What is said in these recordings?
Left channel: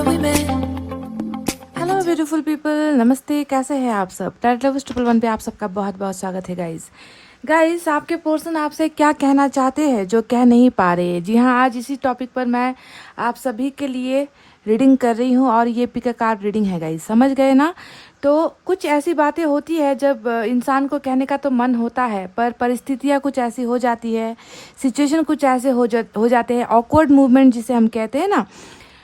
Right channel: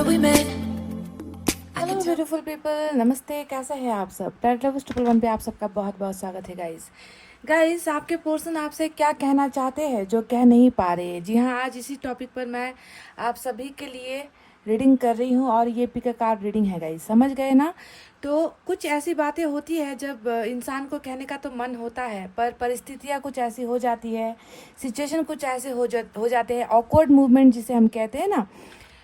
where we met. Hello beautiful people, नमस्ते। कैसे हैं आप सब? टाइटल लव 111 पे आप सबका बहुत बहुत स्वागत है गाइस। आपके पर्सन आपसे क्या कहना चाहते हैं जो कह नहीं पा रहे? जी हाँ, आज इसी टॉपिक पर मैं आप सभी के लिए रीडिंग कर रही हूँ और ये पिक अ कार्ड रीडिंग है गाइस। समझ गए ना? तो कुछ ऐसी बातें होती है जब इंसान को कहने का तो मन होता है, पर परिस्थितियाँ कुछ ऐसी हो जाती है, सिचुएशन कुछ ऐसे हो जाते हैं, ऑकवर्ड मूवमेंट जिसे हम कहते हैं ना,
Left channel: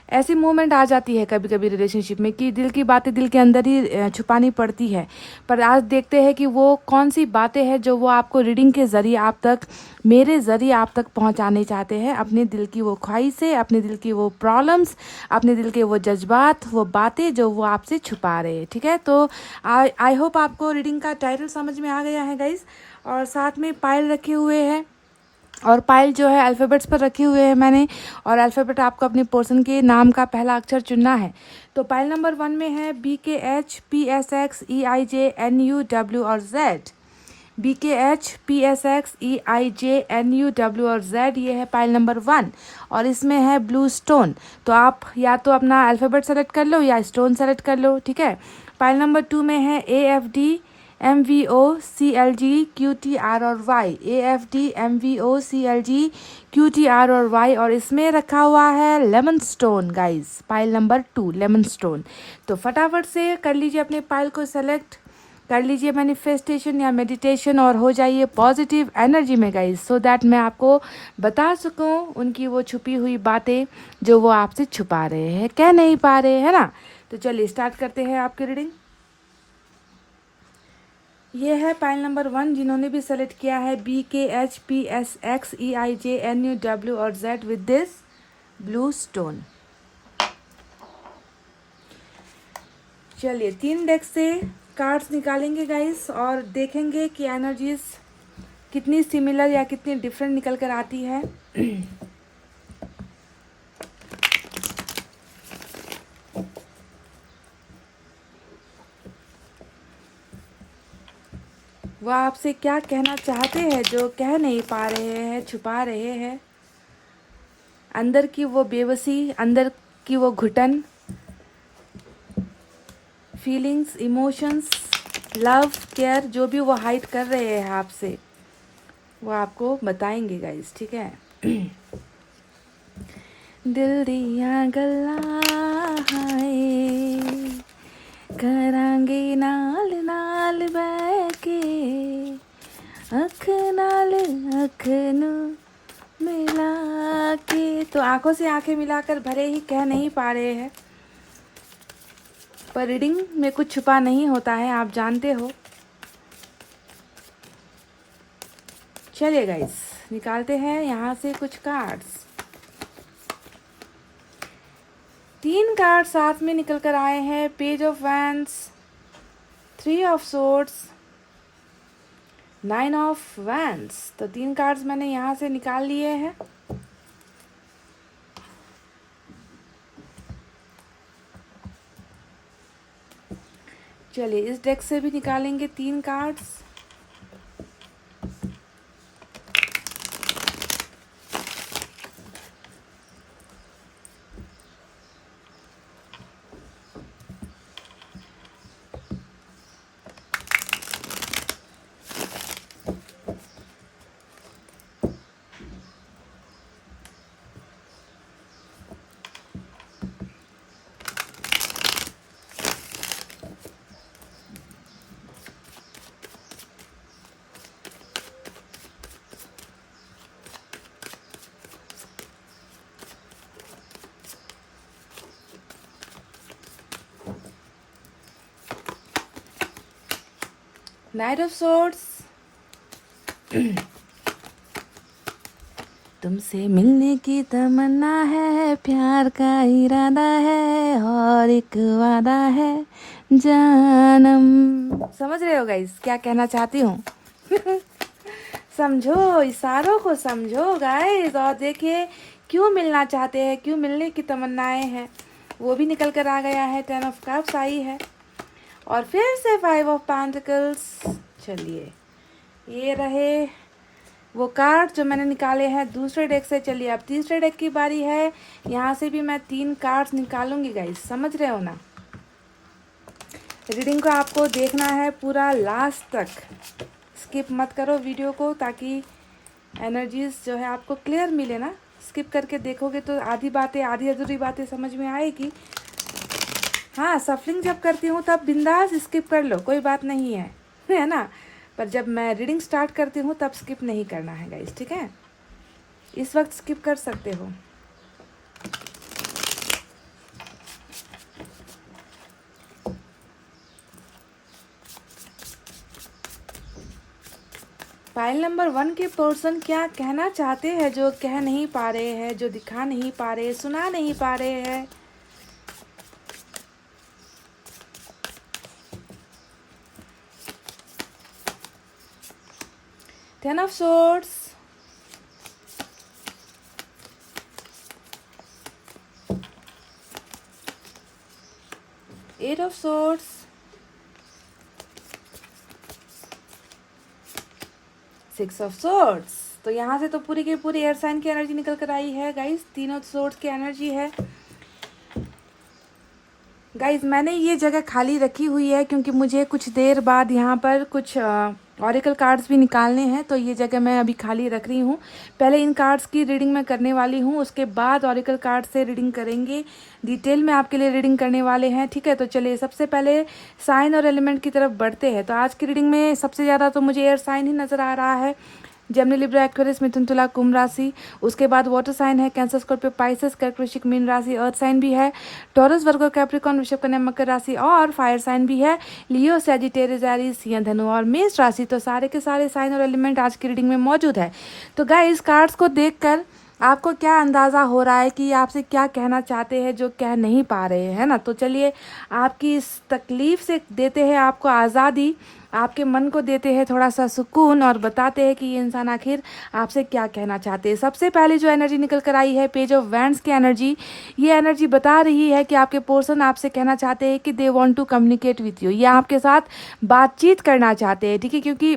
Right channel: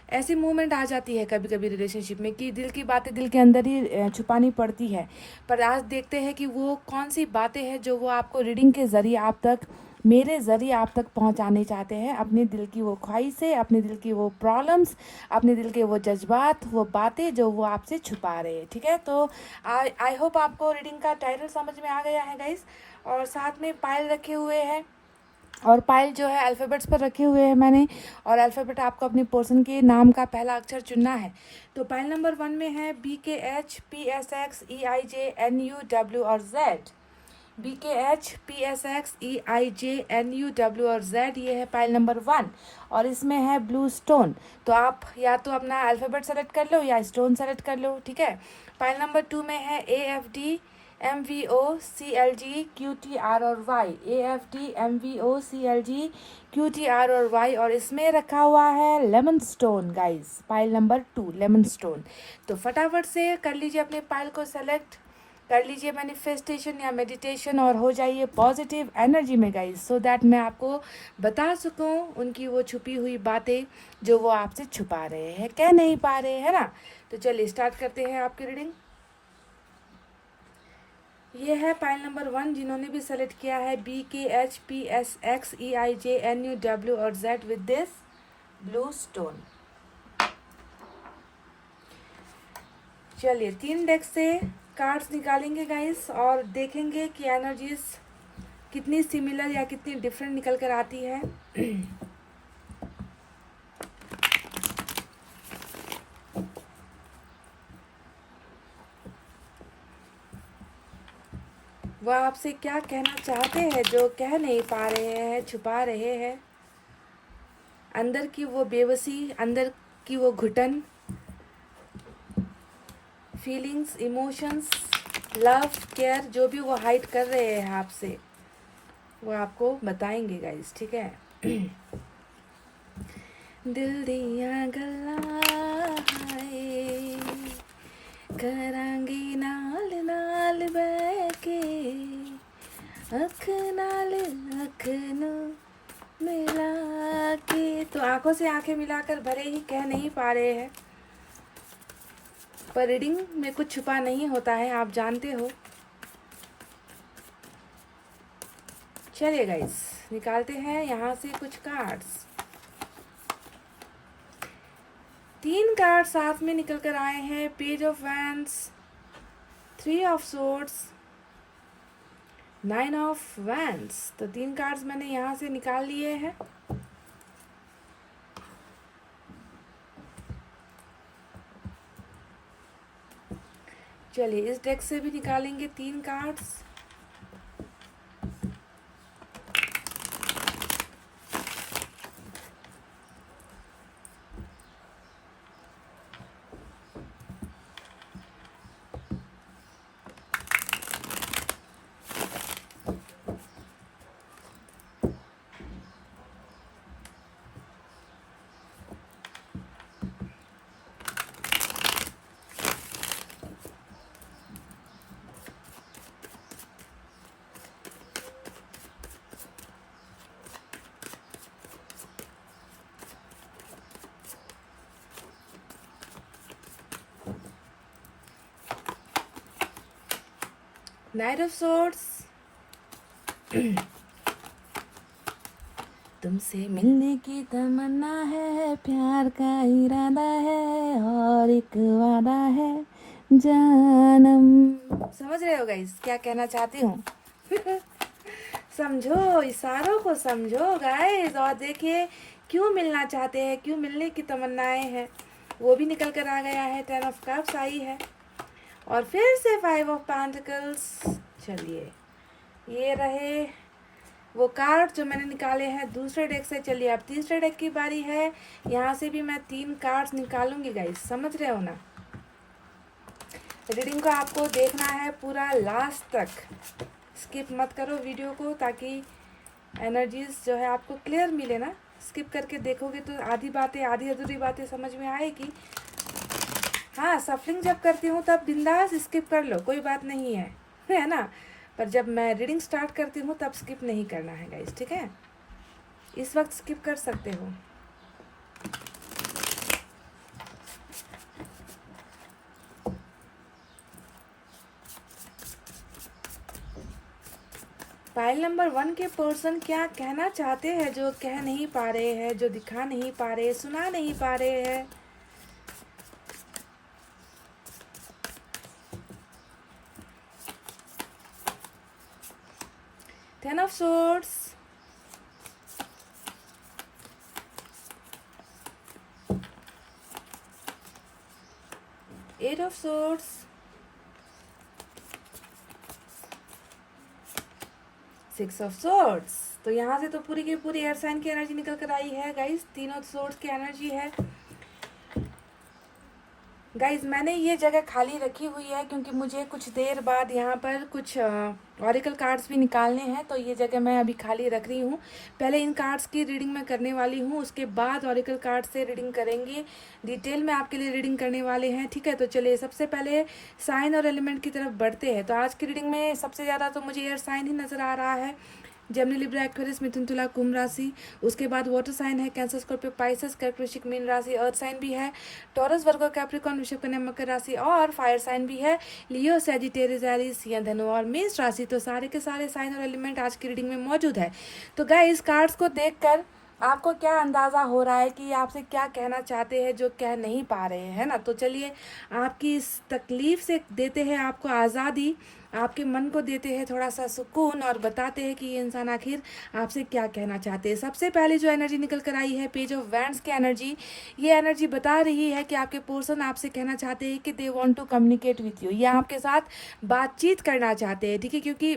ऐसी मोमेंट आ जाती है कभी कभी रिलेशनशिप में कि दिल की बातें दिल के अंदर ही छुपानी पड़ती है। पर आज देखते हैं कि वो कौन सी बातें हैं जो वो आपको रीडिंग के ज़रिए आप तक, मेरे ज़रिए आप तक पहुंचाने चाहते हैं। अपने दिल की वो ख्वाहिशें, अपने दिल की वो प्रॉब्लम्स, अपने दिल के वो जज्बात, वो बातें जो वो आपसे छुपा रहे हैं। ठीक है, तो आई होप आपको रीडिंग का टाइटल समझ में आ गया है गाइस। और साथ में पायल रखे हुए हैं और पायल जो है अल्फ़ाबेट्स पर रखे हुए हैं मैंने, और अल्फ़ाबेट आपको अपने पर्सन के नाम का पहला अक्षर चुनना है। तो पायल नंबर 1 में है BKHPSXEIJNUW और Z। BKHPSXEIJNUW और Z, ये है पायल नंबर 1 और इसमें है ब्लू स्टोन। तो आप या तो अपना अल्फ़ाबेट सेलेक्ट कर लो या स्टोन सेलेक्ट कर लो। ठीक है, पायल नंबर 2 में है AFDMVOCLGQTR और Y। AFDMVOCLGQTR और Y, और इसमें रखा हुआ है lemon stone guys. Pile number 2 lemon stone. तो फटाफट से कर लीजिए अपने पाइल को सेलेक्ट, कर लीजिए मैनिफेस्टेशन या मेडिटेशन और हो जाइए पॉजिटिव एनर्जी में गाइस, सो दैट मैं आपको बता सकूं उनकी वो छुपी हुई बातें जो वो आपसे छुपा रहे हैं, कह नहीं पा रहे हैं ना। तो चलिए स्टार्ट करते हैं आपकी रीडिंग। ये है पाइल नंबर 1 जिन्होंने भी सेलेक्ट किया है BKHPSXEIJNUW और Z with this blue stone. चलिए 3 डेक से कार्ड्स निकालेंगे गाइस और देखेंगे कि एनर्जीज कितनी सिमिलर या कितनी डिफरेंट निकल कर आती है। वो आपसे क्या कहना चाहते हैं जो कह नहीं पा रहे हैं, छुपा रहे हैं। अंदर की वो बेबसी, अंदर की वो घुटन, फीलिंग्स, इमोशंस, लव, केयर, जो भी वो हाइड कर रहे हैं आपसे, वो आपको बताएंगे गाइस। ठीक है, दिल दिया गल्ला है करांगे नाल नाल बैके अख नाल अख नू मिला के। तो आंखों से आंखें मिलाकर भले ही कह नहीं पा रहे हैं, पर रीडिंग में कुछ छुपा नहीं होता है, आप जानते हो। चलिए गाइस निकालते हैं यहाँ से कुछ कार्ड्स। 3 कार्ड साथ में निकल कर आए हैं, page of wands, 3 of swords, 9 of wands. तो 3 कार्ड्स मैंने यहाँ से निकाल लिए हैं। चलिए इस डेक से भी निकालेंगे 3 कार्ड्स। नाइट ऑफ सोर्ड्स, तुमसे मिलने की तमन्ना है, प्यार का इरादा है और एक वादा है जानम। समझ रहे हो गाइस क्या कहना चाहती हूँ? समझो, इशारों को समझो गाइस, और देखिए क्यों मिलना चाहते हैं, क्यों मिलने की तमन्नाएं हैं, वो भी निकल कर आ गया है। 10 ऑफ कप्स आई है और फिर से 5 ऑफ पेंटिकल्स। चलिए ये रहे वो कार्ड जो मैंने निकाले हैं दूसरे डेक से। चलिए अब तीसरे डेक की बारी है। यहाँ से भी मैं 3 कार्ड्स निकालूंगी गाइस, समझ रहे हो ना। रीडिंग को आपको देखना है पूरा लास्ट तक, स्किप मत करो वीडियो को, ताकि एनर्जीज जो है आपको क्लियर मिले ना। स्किप करके देखोगे तो आधी बातें, आधी अधूरी बातें समझ में आएगी। हाँ, सफलिंग जब करती हूँ तब बिंदास स्किप कर लो, कोई बात नहीं है ना। पर जब मैं रीडिंग स्टार्ट करती हूँ तब स्किप नहीं करना है गाइस, ठीक है। इस वक्त स्किप कर सकते हो। फाइल नंबर 1 के पर्सन क्या कहना चाहते हैं जो कह नहीं पा रहे हैं, जो दिखा नहीं पा रहे, सुना नहीं पा रहे हैं। Ten of Swords, Eight of Swords, Six of Swords। तो यहाँ से तो पूरी की पूरी एयर साइन की एनर्जी निकल कर आई है गाइस। तीनों सोर्ड्स की एनर्जी है गाइज। मैंने ये जगह खाली रखी हुई है क्योंकि मुझे कुछ देर बाद यहाँ पर कुछ ऑरिकल कार्ड्स भी निकालने हैं, तो ये जगह मैं अभी खाली रख रही हूँ। पहले इन कार्ड्स की रीडिंग मैं करने वाली हूँ, उसके बाद ऑरिकल कार्ड से रीडिंग करेंगे। डिटेल में आपके लिए रीडिंग करने वाले हैं, ठीक है। तो चलिए सबसे पहले साइन और एलिमेंट की तरफ बढ़ते हैं। तो आज की रीडिंग में सबसे ज़्यादा तो मुझे एयर साइन ही नज़र आ रहा है। Gemini, Libra, Aquarius, Mithun, Tula, Kumbh राशि। उसके बाद वाटर साइन है cancer, Scorpio, Pisces, Kark, Vrishchik, Meen राशि। अर्थ साइन भी है टॉरस, वर्गो, कैप्रिकॉर्न, वृषभ, कन्या, मकर राशि। और फायर साइन भी है लियो, सैजिटेरियस, एरीज, या धनु और मेष राशि। तो सारे के सारे साइन और एलिमेंट आज की रीडिंग में मौजूद है। तो गाइस कार्ड्स को देखकर आपको क्या अंदाज़ा हो रहा है कि आपसे क्या कहना चाहते हैं जो कह नहीं पा रहे हैं ना। तो चलिए आपकी इस तकलीफ से देते हैं आपको आज़ादी, आपके मन को देते हैं थोड़ा सा सुकून और बताते हैं कि ये इंसान आखिर आपसे क्या कहना चाहते हैं। सबसे पहले जो एनर्जी निकल कर आई है पेज ऑफ वैंड्स की एनर्जी। ये एनर्जी बता रही है कि आपके पर्सन आपसे कहना चाहते हैं कि they want to communicate with you, ये आपके साथ बातचीत करना चाहते हैं, ठीक है। क्योंकि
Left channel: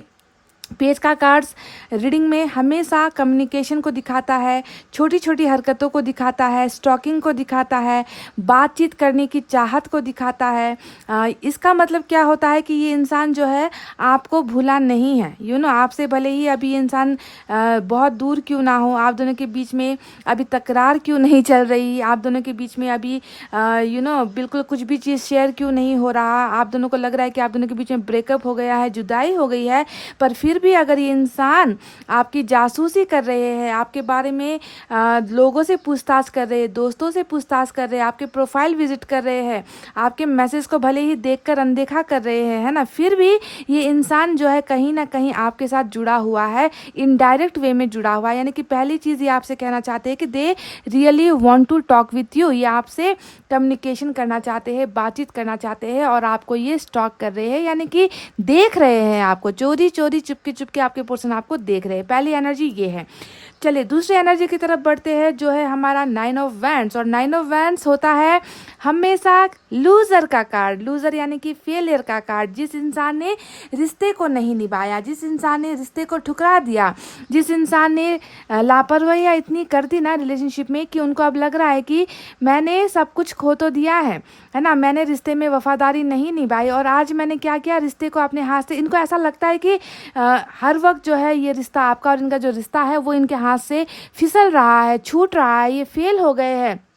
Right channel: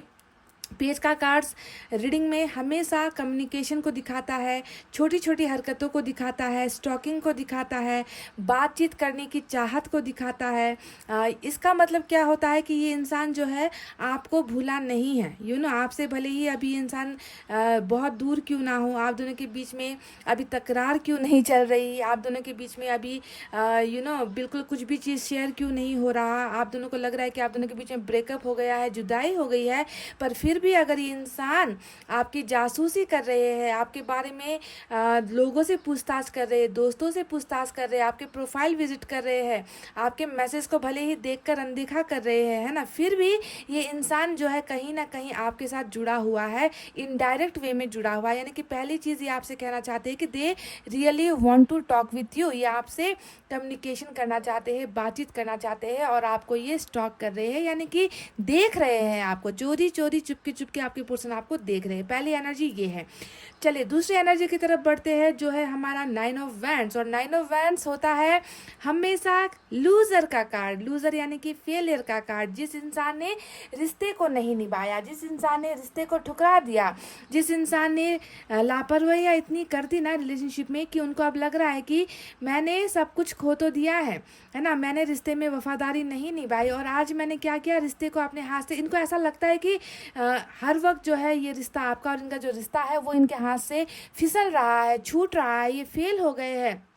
पेज का कार्ड्स रीडिंग में हमेशा कम्युनिकेशन को दिखाता है, छोटी छोटी हरकतों को दिखाता है, स्टॉकिंग को दिखाता है, बातचीत करने की चाहत को दिखाता है। इसका मतलब क्या होता है कि ये इंसान जो है आपको भूला नहीं है। आपसे भले ही अभी इंसान बहुत दूर क्यों ना हो, आप दोनों के बीच में अभी तकरार क्यों नहीं चल रही, आप दोनों के बीच में अभी बिल्कुल कुछ भी चीज़ शेयर क्यों नहीं हो रहा, आप दोनों को लग रहा है कि आप दोनों के बीच में ब्रेकअप हो गया है, जुदाई हो गई है, पर फिर भी अगर ये इंसान आपकी जासूसी कर रहे हैं, आपके बारे में लोगों से पूछताछ कर रहे हैं, दोस्तों से पूछताछ कर रहे हैं, आपके प्रोफाइल विजिट कर रहे हैं, आपके मैसेज को भले ही देखकर अनदेखा कर रहे हैं, है ना, फिर भी ये इंसान जो है कहीं ना कहीं आपके साथ जुड़ा हुआ है, इनडायरेक्ट वे में जुड़ा हुआ है। यानी कि पहली चीज़ ये आपसे कहना चाहते हैं कि they really want to talk with you, ये आपसे कम्युनिकेशन करना चाहते हैं, बातचीत करना चाहते हैं और आपको ये स्टॉक कर रहे हैं, यानी कि देख रहे हैं आपको, चोरी चोरी चुपके चुपके आपके पर्सन आपको देख रहे हैं। पहली एनर्जी ये है। चलिए दूसरी एनर्जी की तरफ बढ़ते हैं जो है हमारा 9 ऑफ वैंड्स। और 9 ऑफ वैंड्स होता है हमेशा लूजर का कार्ड, लूजर यानी कि फेलियर का कार्ड। जिस इंसान ने रिश्ते को नहीं निभाया, जिस इंसान ने रिश्ते को ठुकरा दिया, जिस इंसान ने लापरवाही इतनी कर दी ना रिलेशनशिप में कि उनको अब लग रहा है कि मैंने सब कुछ खो तो दिया है ना, मैंने रिश्ते में वफादारी नहीं निभाई और आज मैंने क्या किया, रिश्ते को अपने हाथ से, इनको ऐसा लगता है कि हर वक्त जो है ये रिश्ता आपका और इनका जो रिश्ता है वो इनके हाथ से फिसल रहा है, छूट रहा है, ये फेल हो गए हैं।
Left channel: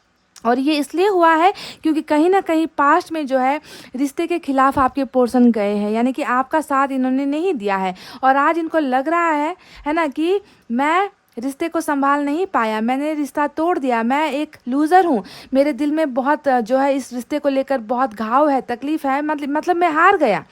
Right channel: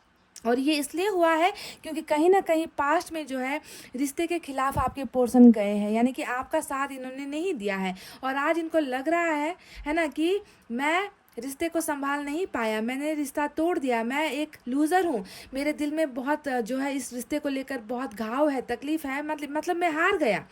और ये इसलिए हुआ है क्योंकि कहीं ना कहीं पास्ट में जो है रिश्ते के खिलाफ आपके पर्सन गए हैं, यानी कि आपका साथ इन्होंने नहीं दिया है और आज इनको लग रहा है ना कि मैं रिश्ते को संभाल नहीं पाया, मैंने रिश्ता तोड़ दिया, मैं एक लूज़र हूँ, मेरे दिल में बहुत जो है इस रिश्ते को लेकर बहुत घाव है, तकलीफ़ है, मतलब मैं हार गया,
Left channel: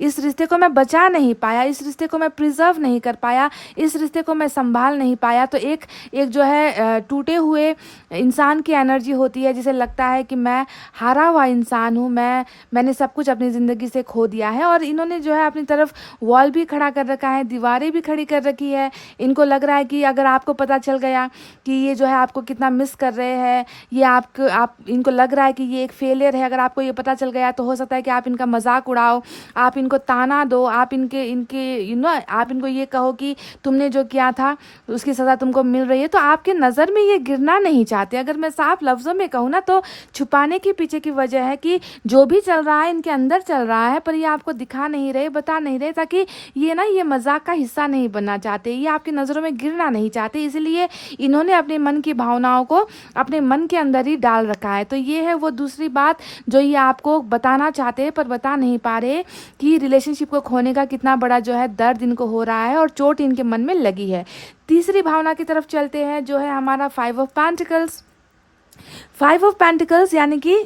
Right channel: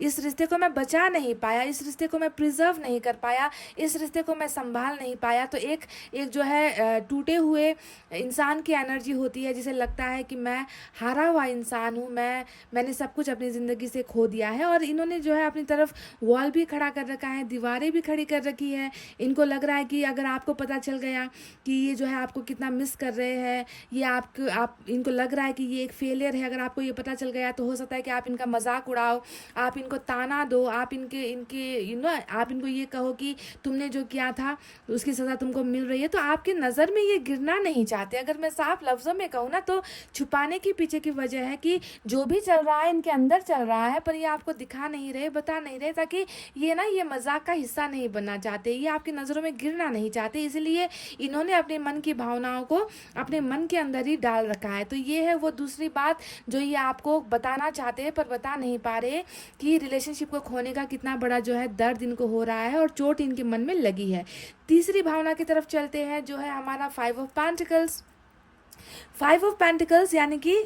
इस रिश्ते को मैं बचा नहीं पाया, इस रिश्ते को मैं प्रिजर्व नहीं कर पाया, इस रिश्ते को मैं संभाल नहीं पाया। तो एक जो है टूटे हुए इंसान की एनर्जी होती है जिसे लगता है कि मैं हारा हुआ इंसान हूँ, मैंने सब कुछ अपनी ज़िंदगी से खो दिया है। और इन्होंने जो है अपनी तरफ वॉल भी खड़ा कर रखा है, दीवारें भी खड़ी कर रखी है। इनको लग रहा है कि अगर आपको पता चल गया कि ये जो है आपको कितना मिस कर रहे हैं, ये आप इनको लग रहा है कि ये एक फेलियर है, अगर आपको ये पता चल गया तो हो सकता है कि आप इनका मजाक उड़ाओ, आप इनको ताना दो, आप इनके इनके आप इनको ये कहो कि तुमने जो किया था उसकी सज़ा तुमको मिल रही है। तो आपके नज़र में ये गिरना नहीं चाहते। अगर मैं साफ लफ्ज़ों में कहूँ ना तो छुपाने के पीछे की वजह है कि जो भी चल रहा है इनके अंदर चल रहा है, पर ये आपको दिखा नहीं रहे, बता नहीं रहे, ताकि ये मजाक का हिस्सा नहीं बनना चाहते, ये आपकी नज़रों में गिरना नहीं चाहते। इसलिए इन्होंने अपने मन की भावनाओं को अपने मन के अंदर ही डाल रखा है। तो ये है वो दूसरी बात जो ये आपको बताना चाहते हैं पर बता नहीं पा रहे, कि रिलेशनशिप को खोने का कितना बड़ा जो है दर्द इनको हो रहा है और चोट इनके मन में लगी है। तीसरी भावना की तरफ चलते हैं, जो है हमारा 5 ऑफ पेंटिकल्स। 5 ऑफ पेंटिकल्स यानी कि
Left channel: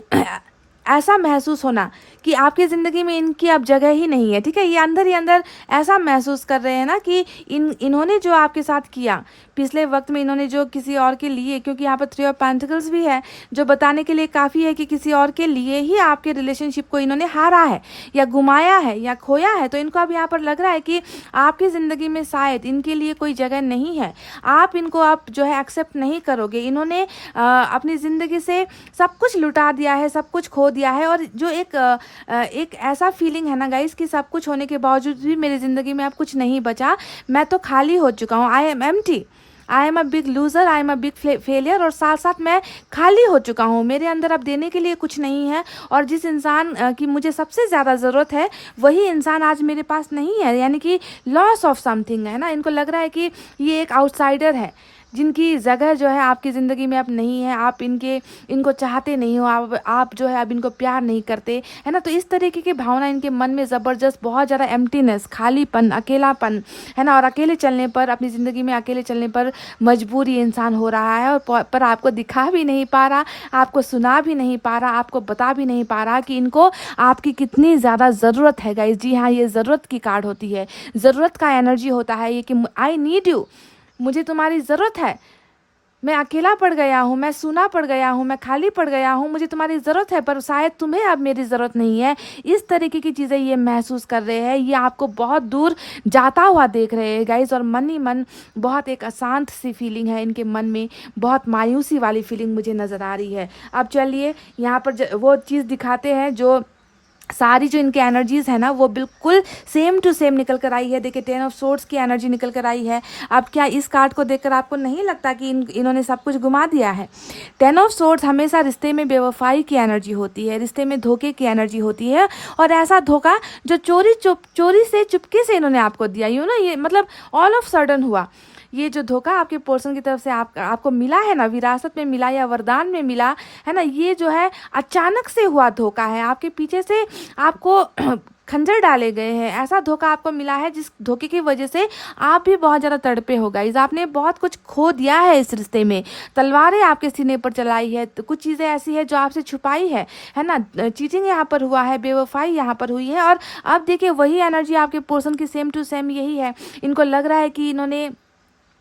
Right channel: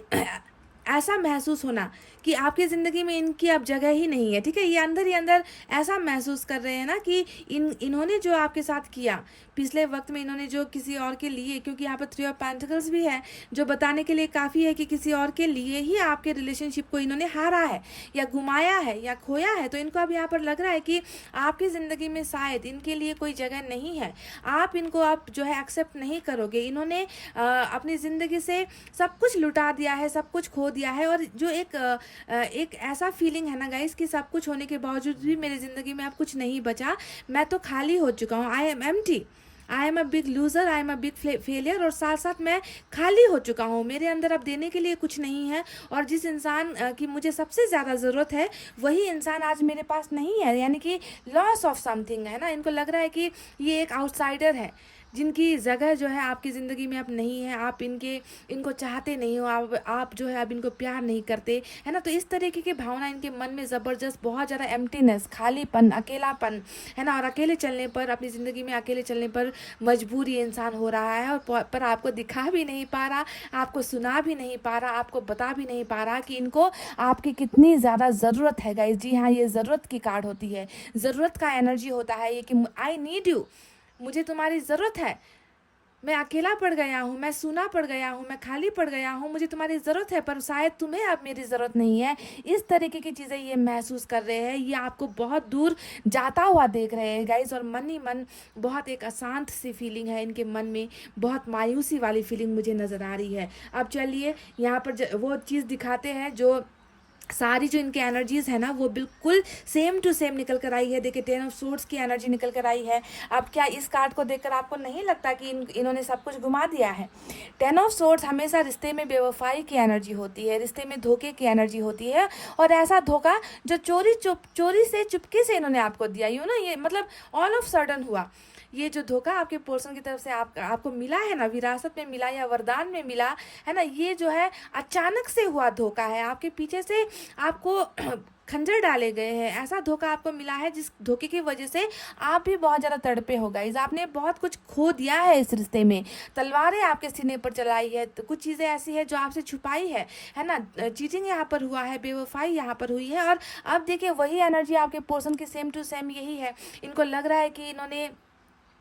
ऐसा महसूस होना कि आपकी ज़िंदगी में इनकी अब जगह ही नहीं है, ठीक है। ये अंदर ही अंदर ऐसा महसूस कर रहे हैं ना कि इन्होंने जो आपके साथ किया पिछले वक्त में, इन्होंने जो किसी और के लिए, क्योंकि यहाँ पर 3 ऑफ पेंटिकल्स भी है जो बताने के लिए काफ़ी है कि किसी और के लिए ही आपके रिलेशनशिप को इन्होंने हारा है या घुमाया है या खोया है। तो इनको अब यहाँ पर लग रहा है कि आपकी ज़िंदगी में शायद इनके लिए कोई जगह नहीं है, आप इनको आप जो है एक्सेप्ट नहीं करोगे। इन्होंने अपनी ज़िंदगी से सब कुछ लुटा दिया है, सब कुछ खो दिया है, और जो एक ऐसा फीलिंग है ना गाइस कि सब कुछ होने के बावजूद भी मेरी ज़िंदगी में अब कुछ नहीं बचा, मैं तो खाली हो चुका हूँ, I am empty, I am a big loser, I am a big failure, और साथ साथ मैं खाली हो चुका हूँ, मेरे अंदर अब देने के लिए कुछ नहीं है। और जिस इंसान की मुझे सबसे ज़्यादा ज़रूरत है वही इंसान आज मेरे पास नहीं है, यानी कि लॉस ऑफ समथिंग है ना। इनको लग रहा है कि ये एक आउटसाइडर है जिनकी जगह जो है आपकी ज़िंदगी में अब नहीं है, आप इनको चाहते नहीं हो, आप जो है अब इनको प्यार नहीं करते, है ना। तो इस तरीके की भावना इनके मन में ज़बरदस्त, बहुत ज़्यादा एम्प्टीनेस, खालीपन, अकेलापन, है ना। और अकेले चलने पर, अपनी ज़िंदगी में अकेले चलने पर मजबूरी इंसान हो रहा है, और पर आपको दिखा भी नहीं पा रहा, आपको सुना भी नहीं पा रहा, आपको बता भी नहीं पा रहा कि इनको आपकी कितनी ज़्यादा ज़रूरत है गाइस। जी हाँ, ये ज़रूरत की कार्ड होती है, ज़रूरत का एनर्जी होता है ये कि आई नीड यू, मुझे तुम्हारी ज़रूरत है, मैं अकेला पड़ गया हूँ, मैं सूना पड़ गया हूँ, मैं खाली पड़ गया हूँ, मुझे तुम्हारी ज़रूरत है पर शायद तुम्हें अब मेरी ज़रूरत नहीं है। इस तरीके की चीज़ें ये महसूस कर रहे हैं, ये आपको बहुत दूर जाता हुआ देख रहे हैं गाइस। और मन ही मन बहुत एक अशांत सी फीलिंग है इनके मन में, बहुत मायूसी वाली फीलिंग मुझे नज़र आ रही है। अब चलिए यहाँ पर वो चीज़ दिखाते हैं, जो सारी जो इनके एनर्जीज़ है ना वो बिल्कुल सेम टू सेम निकल कर आई है। देखिए 10 ऑफ सोर्ड्स की एनर्जी निकल कर आई है। अब क्या इस कार्ड को देखकर आपको नहीं लगता कि इन्होंने सब कुछ घुमा दिया है? 10 ऑफ सोर्ड्स हमेशा रिश्ते में बेवफाई की एनर्जी होती है, रिश्ते में धोखे की एनर्जी होती है, और ऐसा धोखा जो चोरी से चुपके से इन्होंने आपको दिया, यूँ ना, ये मतलब ऑल ऑफ सडन हुआ। ये जो धोखा आपके पर्सन की तरफ से आपको मिला है ना, विरासत में मिला या वरदान में मिला है ना, ये जो है अचानक से हुआ धोखा है, आपके पीछे से आपको खंजर डाले गए हैं, ऐसा धोखा आपको मिला है जिस धोखे की वजह से आप भी बहुत ज़्यादा तड़पे हो गाइस। आपने बहुत कुछ खो दिया है इस रिश्ते में, तलवारें आपके सीने पर चलाई है, तो कुछ चीज़ें ऐसी है जो आपसे छुपाई है ना। चीटिंग यहाँ पर हुआ है, बेवफाई यहाँ पर हुई है, और अब देखिए वही एनर्जी आपके पर्सन की सेम टू सेम यही है। इनको लग रहा है कि इन्होंने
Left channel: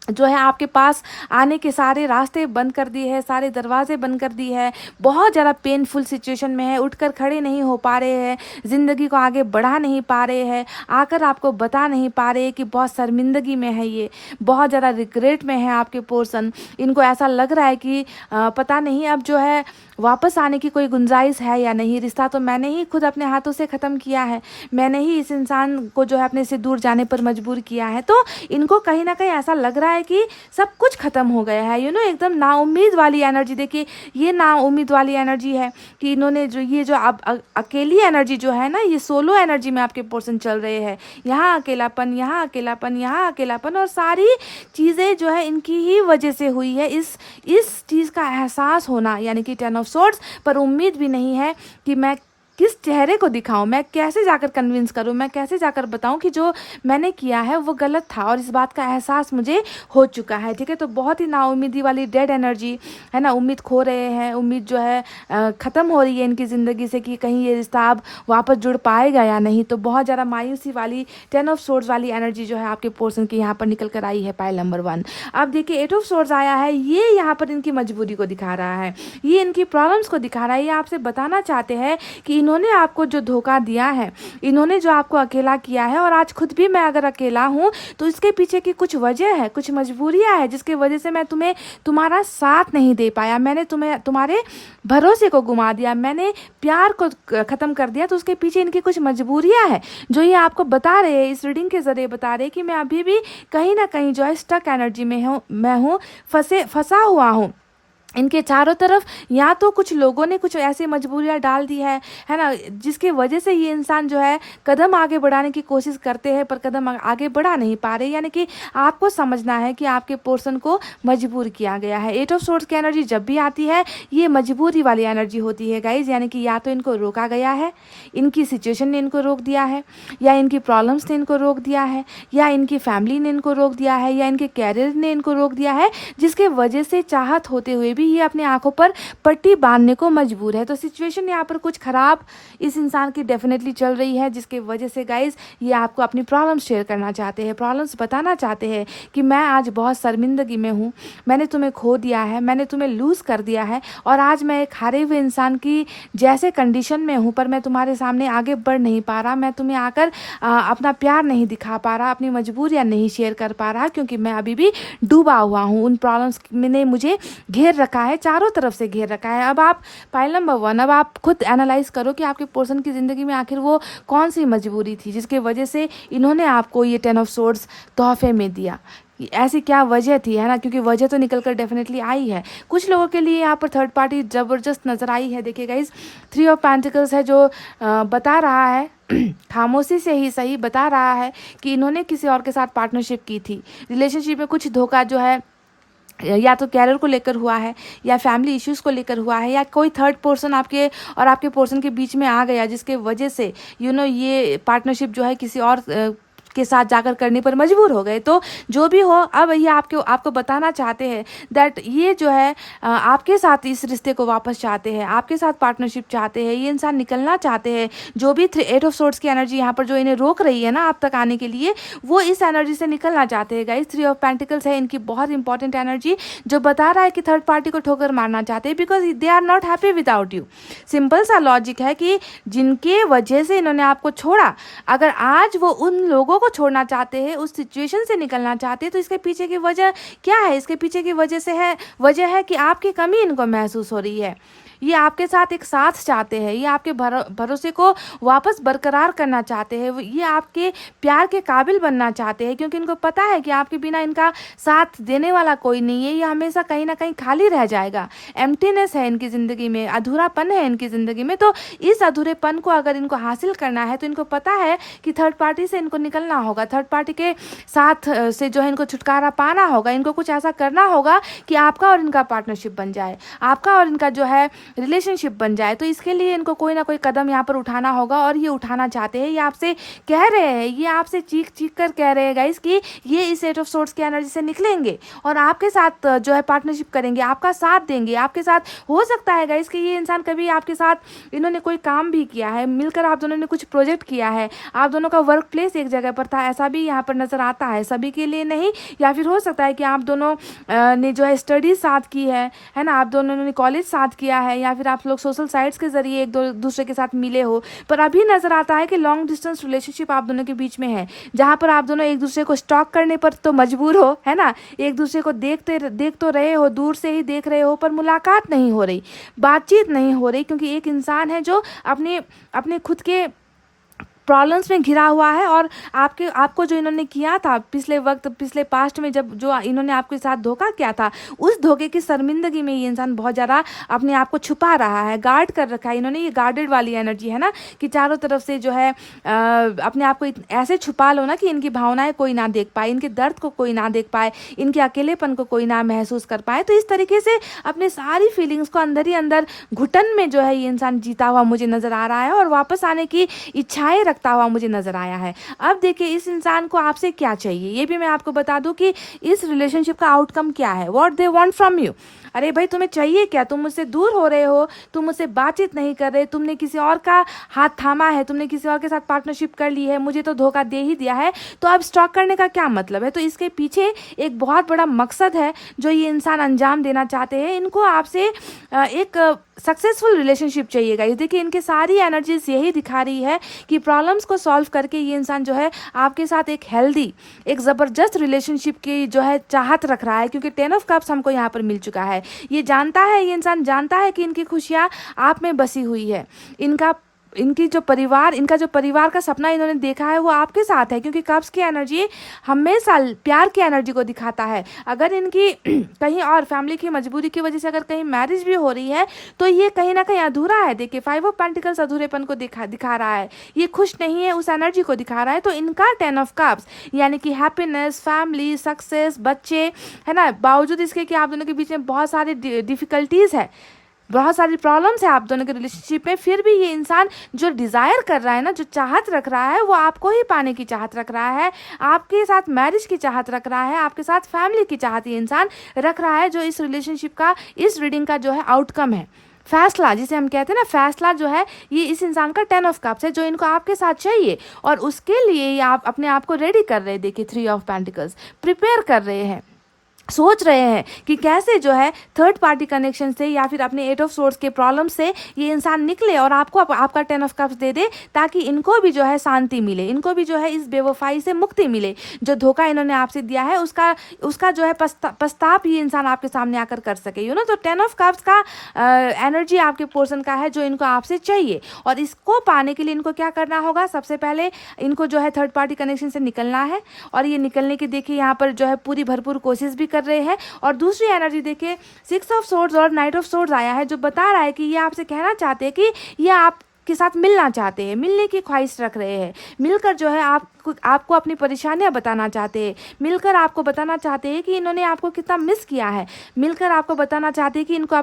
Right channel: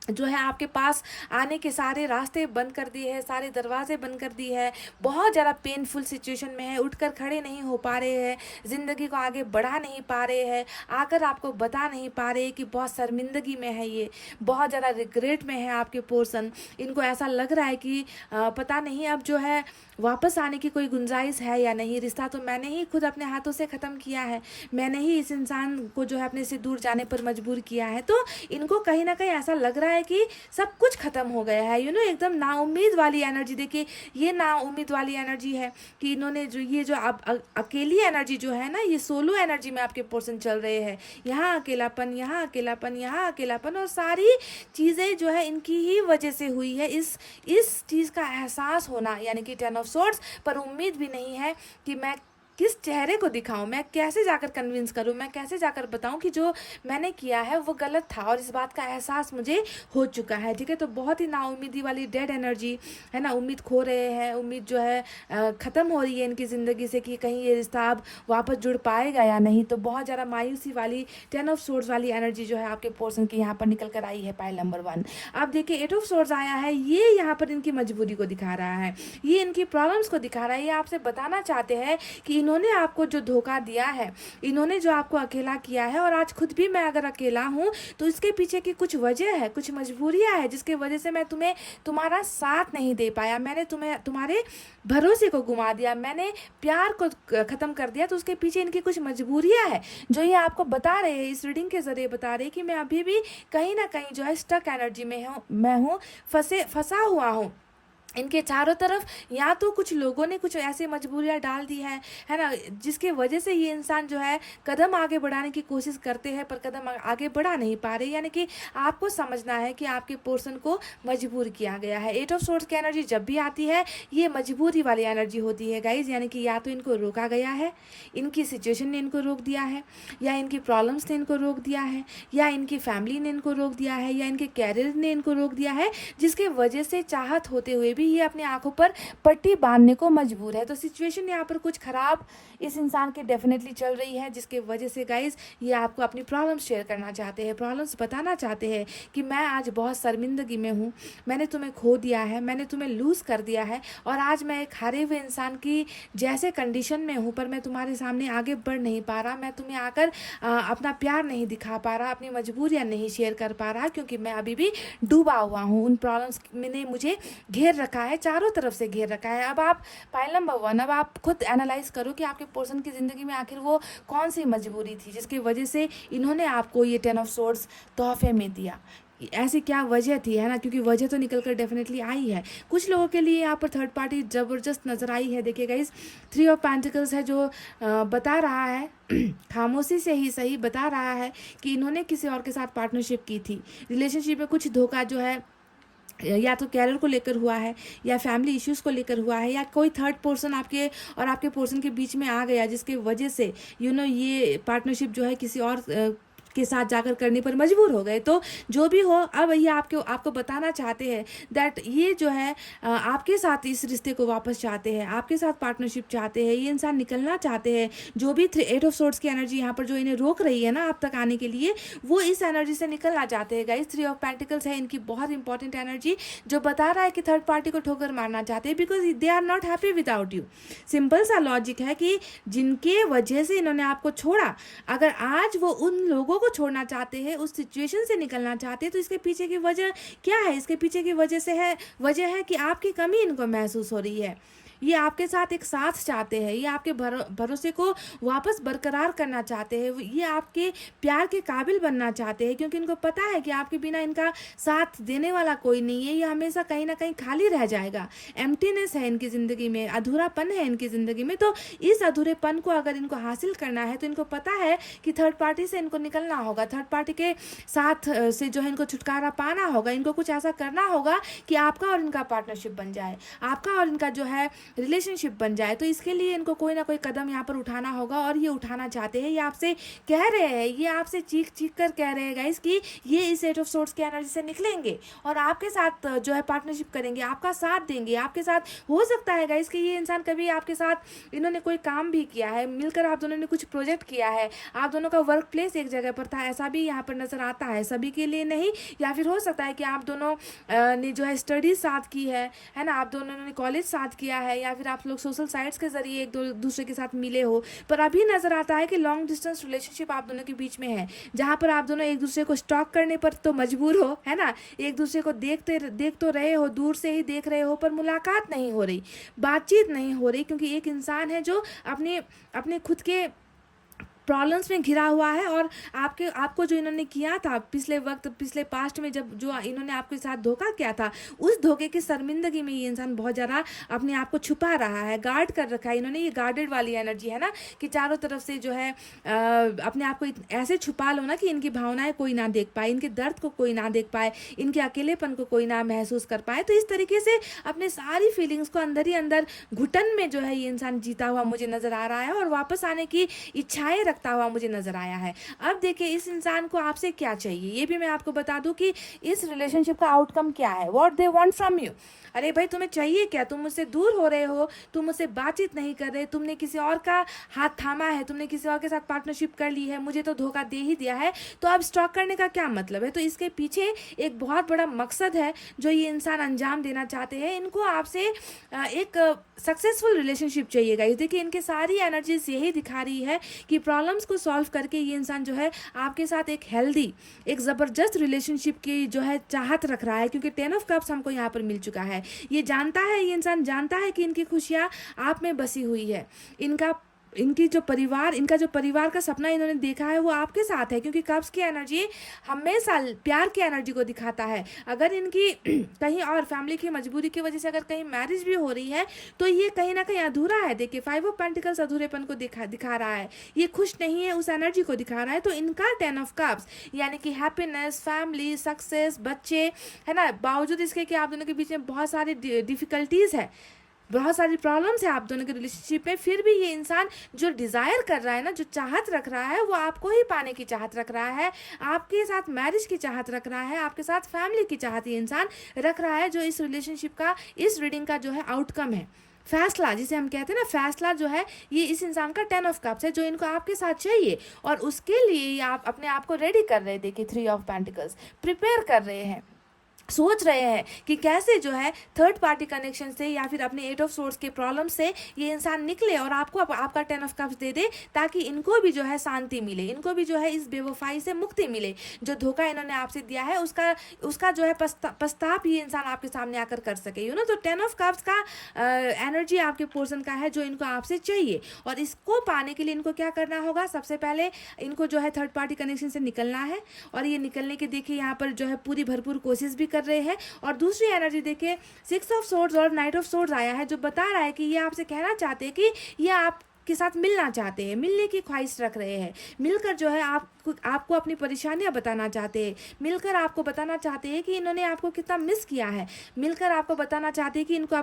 जो है आपके पास आने के सारे रास्ते बंद कर दिए हैं, सारे दरवाजे बंद कर दिए हैं, बहुत ज़्यादा पेनफुल सिचुएशन में है, उठकर खड़े नहीं हो पा रहे हैं, ज़िंदगी को आगे बढ़ा नहीं पा रहे हैं, आकर आपको बता नहीं पा रहे कि बहुत शर्मिंदगी में है, ये बहुत ज़्यादा रिग्रेट में है आपके पर्सन। इनको ऐसा लग रहा है कि पता नहीं अब जो है वापस आने की कोई गुंजाइश है या नहीं। रिश्ता तो मैंने ही खुद अपने हाथों से ख़त्म किया है, मैंने ही इस इंसान को जो है अपने से दूर जाने पर मजबूर किया है। तो इनको कहीं ना कहीं ऐसा लग रहा है कि सब कुछ ख़त्म हो गया है, एकदम नाउम्मीद वाली एनर्जी। देखिए ये नाउम्मीद वाली एनर्जी है कि इन्होंने जो अब अकेली एनर्जी जो है ना, ये सोलो एनर्जी में आपके पर्सन चल रहे हैं। यहाँ अकेलापन, यहाँ अकेलापन, यहाँ अकेलापन, और सारी चीज़ें जो है इनकी ही वजह से हुई है। इस चीज़ का एहसास होना, यानी कि 10 ऑफ सोर्ड्स, पर उम्मीद भी नहीं है कि मैं किस चेहरे को दिखाऊं, मैं कैसे जाकर कन्विंस करूं, मैं कैसे जाकर बताऊं कि जो मैंने किया है वो गलत था, और इस बात का एहसास मुझे हो चुका है। ठीक है, तो बहुत ही नाउम्मीदी वाली डेड एनर्जी है ना, उम्मीद खो रहे हैं, उम्मीद जो है ख़त्म हो रही है इनकी ज़िंदगी से कि कहीं ये रिश्ता अब वापस जुड़ पाएगा या नहीं। तो बहुत ज़्यादा मायूसी वाली 10 ऑफ सोर्ड्स वाली एनर्जी जो है आपके पर्सन की यहाँ पर निकल कर आई है, पाइल नंबर 1। अब देखिए 8 ऑफ सोर्ड्स आया है, ये यहाँ पर इनकी मजबूरी को दिखा रहा है, ये इनकी प्रॉब्लम्स को दिखा रहा है, ये आपसे बताना चाहते हैं कि इन्होंने आपको जो धोखा दिया है, इन्होंने जो आपको अकेला किया है, और आज खुद भी मैं अगर अकेला हूँ तो इसके पीछे की कुछ वजह है, कुछ मजबूरियाँ है जिसकी वजह से मैं तुम्हारा साथ नहीं दे पाया, मैंने तुम्हारे भरोसे को गुमा दिया, मैंने प्यार को ख़त्म कर दिया। तो उसके पीछे इनकी कुछ मजबूरियाँ हैं जो ये आपको बता रहे हैं, इस रीडिंग के ज़रिए बता रहे हैं कि मैं अभी भी कहीं ना कहीं जो है स्टक एनर्जी में हूँ, मैं हूँ फंसा हुआ हूँ। इनके चारों तरफ या तो कुछ लोगों ने कुछ ऐसी मजबूरियां डाल दी है ना, जिसकी वजह से ये इंसान जो है कदम आगे बढ़ाने की कोशिश करते हैं पर कदम आगे बढ़ा नहीं पा रहे। यानी कि आपको समझना है कि आपके पर्सन को मजबूर किया गया है। 8 ऑफ सोर्ड्स की एनर्जी जब भी आती है ये मजबूरी वाली एनर्जी होती है गाइज, यानी कि या तो इनको रोका गया है, इनकी सिचुएशन ने इनको रोक दिया है, या इनकी प्रॉब्लम्स ने इनको रोक दिया है, या इनकी फैमिली ने इनको रोक दिया है, या इनके कैरियर ने इनको रोक दिया है, जिसके वजह से चाहत होते हुए भी ये अपनी आंखों पर पट्टी बांधने को मजबूर है। तो सिचुएशन यहाँ पर कुछ खराब इस इंसान की डेफिनेटली चल रही है, जिसकी वजह से गाइज ये आपको अपनी प्रॉब्लम्स शेयर करना चाहते हैं, प्रॉब्लम्स बताना चाहते हैं कि मैं आज बहुत शर्मिंदगी में हूँ, मैंने तुम्हें खो दिया है, मैंने तुम्हें लूज़ कर दिया है, और आज मैं एक हारे हुए इंसान की जैसे कंडीशन में हूँ, पर मैं तुम्हारे सामने आगे बढ़ नहीं पा रहा, मैं तुम्हें आकर अपना प्यार नहीं दिखा पा रहा, अपनी मजबूरियाँ नहीं शेयर कर पा रहा, क्योंकि मैं अभी भी डूबा हुआ हूँ। उन प्रॉब्लम्स ने मुझे घेर रखा है, चारों तरफ से घेर रखा है। अब आप पाइल नंबर 1, अब आप खुद एनालाइज करो कि आपके पर्सन की ज़िंदगी में आखिर वो कौन सी मजबूरी थी जिसकी वजह से इन्होंने आपको ये 10 ऑफ सोर्ड्स तोहफे में दिया। ऐसी क्या वजह थी, है ना, क्योंकि वजह तो निकल कर डेफिनेटली आई है। कुछ लोगों के लिए यहाँ पर थर्ड पार्टी ज़बरदस्त नज़र आई है। देखिए गाइस, 3 ऑफ पेंटिकल्स है जो बता रहा है खामोशी से ही सही बता रहा है कि इन्होंने किसी और के साथ पार्टनरशिप की थी, रिलेशनशिप में कुछ धोखा जो है या तो कैरियर को लेकर हुआ है, या फैमिली इश्यूज़ को लेकर हुआ है, या कोई थर्ड पर्सन आपके और आपके पर्सन के बीच में आ गया जिसके वजह से ये पार्टनरशिप जो है किसी और के साथ जाकर करने पर मजबूर हो गए। तो जो भी हो, अब ये आपको बताना चाहते हैं दैट ये जो है आपके साथ इस रिश्ते को वापस चाहते हैं, आपके साथ पार्टनरशिप चाहते हैं, ये इंसान निकलना चाहते हैं। जो भी 8 ऑफ सोर्ड्स की एनर्जी यहाँ पर जो इन्हें रोक रही है ना आप तक आने के लिए, वो इस एनर्जी से निकलना चाहते हैं गाइस। 3 ऑफ पेंटिकल्स है इनकी बहुत इंपॉर्टेंट एनर्जी जो बता रहा है कि थर्ड पार्टी को ठोकर मारना चाहते हैं, because they are not happy without you. Simple सा लॉजिक है कि जिनके वजह से इन्होंने आपको छोड़ा, अगर आज वो उन लोगों को छोड़ना चाहते हैं, उस सिचुएशन से निकलना चाहते हैं, तो इसके पीछे की वजह क्या है? इसके पीछे की वजह है कि आपकी कमी इनको महसूस हो रही है। ये आपके साथ एक साथ चाहते हैं, ये आपके भरोसे को वापस बरकरार करना चाहते हैं, ये आपके प्यार के काबिल बनना चाहते हैं, क्योंकि इनको पता है कि आपके बिना इनका साथ देने वाला कोई नहीं है। ये हमेशा कहीं ना कहीं खाली रह जाएगा, एम्प्टीनेस है इनकी ज़िंदगी में, अधूरापन है इनकी ज़िंदगी में। तो इस अधूरेपन को अगर इनको हासिल करना है तो इनको पता है कि थर्ड पार्टी से इनको निकलना होगा, थर्ड पार्टी के साथ से जो है इनको छुटकारा पाना होगा, इनको कुछ ऐसा करना होगा कि आपका और इनका पार्टनरशिप बन जाए, आपका और इनका जो है रिलेशनशिप बन जाए। तो इसके लिए इनको कोई ना कोई कदम यहाँ पर उठाना होगा, और ये उठाना चाहते हैं। ये आपसे कह रहे हैं, ये आपसे चीख चीख कर कह रहे हैं गाइस कि ये इस 8 ऑफ सोर्ड्स की एनर्जी से निकलेंगे और आपके साथ जो है पार्टनरशिप करेंगे, आपका साथ देंगे, आपके साथ। हो सकता है गाइस कि ये इंसान कभी आपके साथ इन्होंने कोई काम भी किया है, मिलकर आप दोनों ने कुछ प्रोजेक्ट किया है, आप दोनों का वर्क प्लेस एक जगह पर था, ऐसा भी यहाँ पर नजर आता है, सभी के लिए नहीं। या फिर हो सकता है कि आप दोनों ने जो है स्टडीज साथ की है ना, आप दोनों ने कॉलेज साथ किया है, या फिर आप लोग सोशल साइट्स के जरिए एक दूसरे के साथ मिले हो। पर अभी नजर आता है कि लॉन्ग डिस्टेंस रिलेशनशिप आप दोनों के बीच में है, जहाँ पर आप दोनों एक दूसरे को स्टॉक करने पर तो मजबूर हो, है ना, एक दूसरे को देख तो रहे हो, दूर से ही देख रहे हो, पर मुलाकात नहीं हो रही, बातचीत नहीं हो रही, क्योंकि एक इंसान है जो अपने खुद के प्रॉब्लम्स में घिरा हुआ है। और आपको जो इन्होंने किया था पिछले पास्ट में, जब जो इन्होंने आपके साथ धोखा किया था, उस धोखे की शर्मिंदगी में ये इंसान बहुत ज़्यादा अपने आप को छुपा रहा है, गार्ड कर रखा है इन्होंने। ये गार्डेड वाली एनर्जी है ना, कि चारों तरफ से जो है अपने आप को ऐसे छुपा लो ना कि इनकी भावनाएं कोई ना देख पाए, इनके दर्द को कोई ना देख पाए, इनके अकेलेपन को कोई ना महसूस कर पाए। तो इस तरीके से अपने सारी फीलिंग्स को अंदर ही अंदर घुटन में जो है ये इंसान जीता हुआ मुझे नज़र आ रहा है, और वापस आने की इच्छाएं रखता हुआ मुझे नजर आया है। अब देखिए इस इंसान को आपसे क्या चाहिए, ये भी मैं आपको बता दूं कि इस रिलेशनशिप का आउटकम क्या है, what they want from you. अरे भाई तुम्हें चाहिए क्या, तुम मुझसे दूर हो रहे हो, तुम मुझसे बातचीत नहीं कर रहे, तुमने किसी और का हाथ थामा है, तुमने किसी और के साथ पार्टनरशिप कर ली है, मुझे तो धोखा दे ही दिया है, तो अब स्टॉक करने का क्या मतलब है। तो इसके पीछे एक बहुत बड़ा मकसद है जो ये इंसान अंजाम देना चाहते हैं। इनको आपसे एक सक्सेसफुल रिलेशनशिप चाहिए गाइस। देखिए इनके सारी एनर्जीज यही दिखा रही है कि प्रॉब्लम्स को सॉल्व करके ये इंसान जो है आपके साथ एक हेल्दी, एक ज़बरदस्त रिलेशनशिप की जो है चाहत रख रहा है, क्योंकि 10 ऑफ कप्स हमको यहाँ पर मिल चुका है। ये जानता है, ये इंसान जानता है कि इनकी खुशियाँ आप में बसी हुई है। इनका इनका जो परिवार का सपना इन्होंने देखा है वो आपके साथ है, क्योंकि कप्स की एनर्जी हमेशा प्यार की एनर्जी को दिखाता है। अगर इनकी कहीं और फैमिली की मजबूरी की वजह से अगर कहीं मैरिज भी हो रही है तो ये कहीं ना कहीं अधूरा है। देखिए 5 ऑफ पेंटिकल्स अधूरेपन को दिखा रहा है, ये खुश नहीं है, उस एनर्जी को दिखा रहा है। तो इनका 10 ऑफ कप्स यानी कि हैप्पीनेस, फैमिली, सक्सेस, बच्चे, है ना, बावजूद इसके कि आप दोनों के बीच में बहुत सारी डिफिकल्टीज है, बहुत सारी प्रॉब्लम्स है आप दोनों के रिलेशनशिप में, फिर भी ये इंसान जो डिज़ायर कर रहा है ना, जो चाहत रख रहा है, वो आपको ही पाने की चाहत रख रहा है, आपके साथ मैरिज की चाहत रख रहा है, आपके साथ फैमिली की चाहत ये इंसान रख रहा है, जो इस रिलेशनशिप का, इस रीडिंग का जो है आउटकम है, फैसला जिसे हम कहते हैं ना, फैसला जो है ये इस इंसान का 10 ऑफ कप्स है जो इनको आपके साथ चाहिए। और उसके लिए ये आप अपने आप को रेडी कर रहे हैं। देखिए 3 ऑफ पेंटिकल्स प्रिपेयर कर रहे हैं, सोच रहे हैं कि कैसे जो है थर्ड पार्टी कनेक्शन से या फिर अपने 8 ऑफ सोर्स के प्रॉब्लम से ये इंसान निकले और आपको आपका 10 ऑफ कप्स दे दे, ताकि इनको भी जो है शांति मिले, इनको भी जो है इस बेवफाई से मुक्ति मिले। जो धोखा इन्होंने आपसे दिया है उसका जो है पछताप ये इंसान आपके सामने आकर कर सके, तो 10 ऑफ कप्स का एनर्जी आपके पोर्सन का है जो इनको आपसे चाहिए। और इसको पाने के लिए इनको क्या करना होगा, सबसे पहले इनको जो है थर्ड पार्टी कनेक्शन से निकलना है। और ये निकलने की देखिए यहाँ पर जो है पूरी भरपूर कोशिश भी कर रहे हैं। और दूसरी एनर्जी देखिए 6 ऑफ सोर्ड्स और नाइट ऑफ सोर्ड्स आया है, जो बता रहा है कि ये आपसे कहना चाहते हैं कि ये आपके साथ मिलना चाहते हैं, मिलने की ख्वाहिश रख रहे हैं, मिलकर जो है आपको अपनी परेशानियां बताना चाहते हैं, मिलकर आपको बताना चाहते हैं कि इन्होंने आपको कितना मिस किया है, मिलकर आपको बताना चाहते हैं कि इनको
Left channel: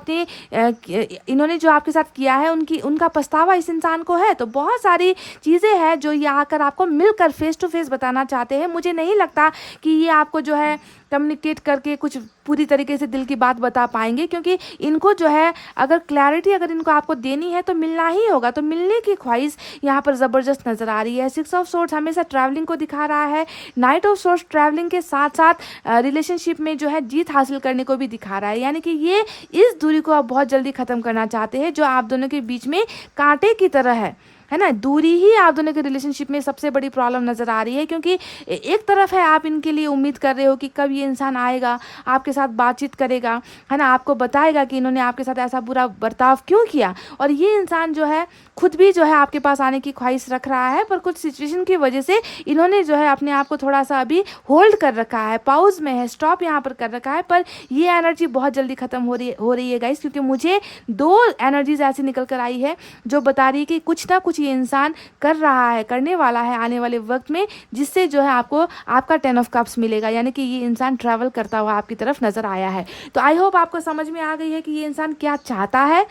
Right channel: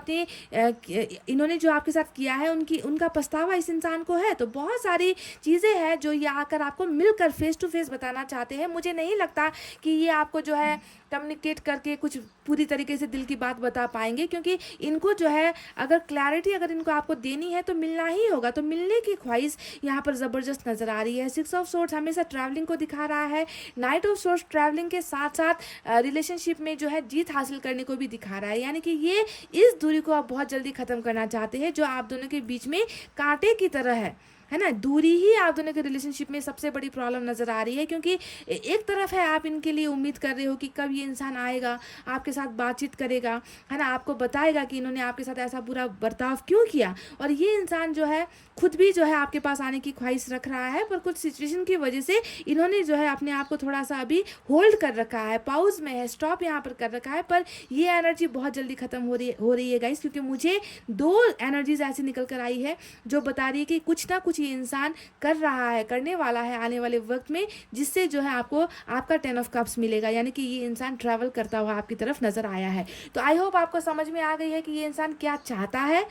इन्होंने जो आपके साथ किया है उनका पछतावा इस इंसान को है। तो बहुत सारी चीज़ें हैं जो ये आकर आपको मिलकर फेस टू फेस बताना चाहते हैं। मुझे नहीं लगता कि ये आपको जो है कम्युनिकेट करके कुछ पूरी तरीके से दिल की बात बता पाएंगे, क्योंकि इनको जो है अगर क्लैरिटी अगर इनको आपको देनी है तो मिलना ही होगा। तो मिलने की ख्वाहिश यहाँ पर ज़बरदस्त नज़र आ रही है। 6 ऑफ सोर्ड्स हमेशा ट्रैवलिंग को दिखा रहा है, नाइट ऑफ सोर्ड्स ट्रैवलिंग के साथ साथ रिलेशनशिप में जो है जीत हासिल करने को भी दिखा रहा है। यानी कि ये इस दूरी को अब बहुत जल्दी ख़त्म करना चाहते हैं जो आप दोनों के बीच में कांटे की तरह है ना। दूरी ही आप दोनों के रिलेशनशिप में सबसे बड़ी प्रॉब्लम नज़र आ रही है, क्योंकि एक तरफ है आप इनके लिए उम्मीद कर रहे हो कि कब ये इंसान आएगा, आपके साथ बातचीत करेगा, है ना, आपको बताएगा कि इन्होंने आपके साथ ऐसा बुरा बर्ताव क्यों किया। और ये इंसान जो है खुद भी जो है आपके पास आने की ख्वाहिश रख रहा है, पर कुछ सिचुएशन की वजह से इन्होंने जो है अपने आप को थोड़ा सा अभी होल्ड कर रखा है, पाउज में है, स्टॉप यहाँ पर कर रखा है। पर ये एनर्जी बहुत जल्दी ख़त्म हो रही है गाइस, क्योंकि मुझे 2 एनर्जीज ऐसी निकल कर आई है जो बता रही है कि कुछ ना कुछ ये इंसान कर रहा है, करने वाला है आने वाले वक्त में, जिससे जो है आपको आपका 10 ऑफ कप्स मिलेगा। यानी कि ये इंसान ट्रैवल करता हुआ आपकी तरफ नज़र आया है। तो आई होप आपको समझ में आ गई है कि ये इंसान क्या चाहता है,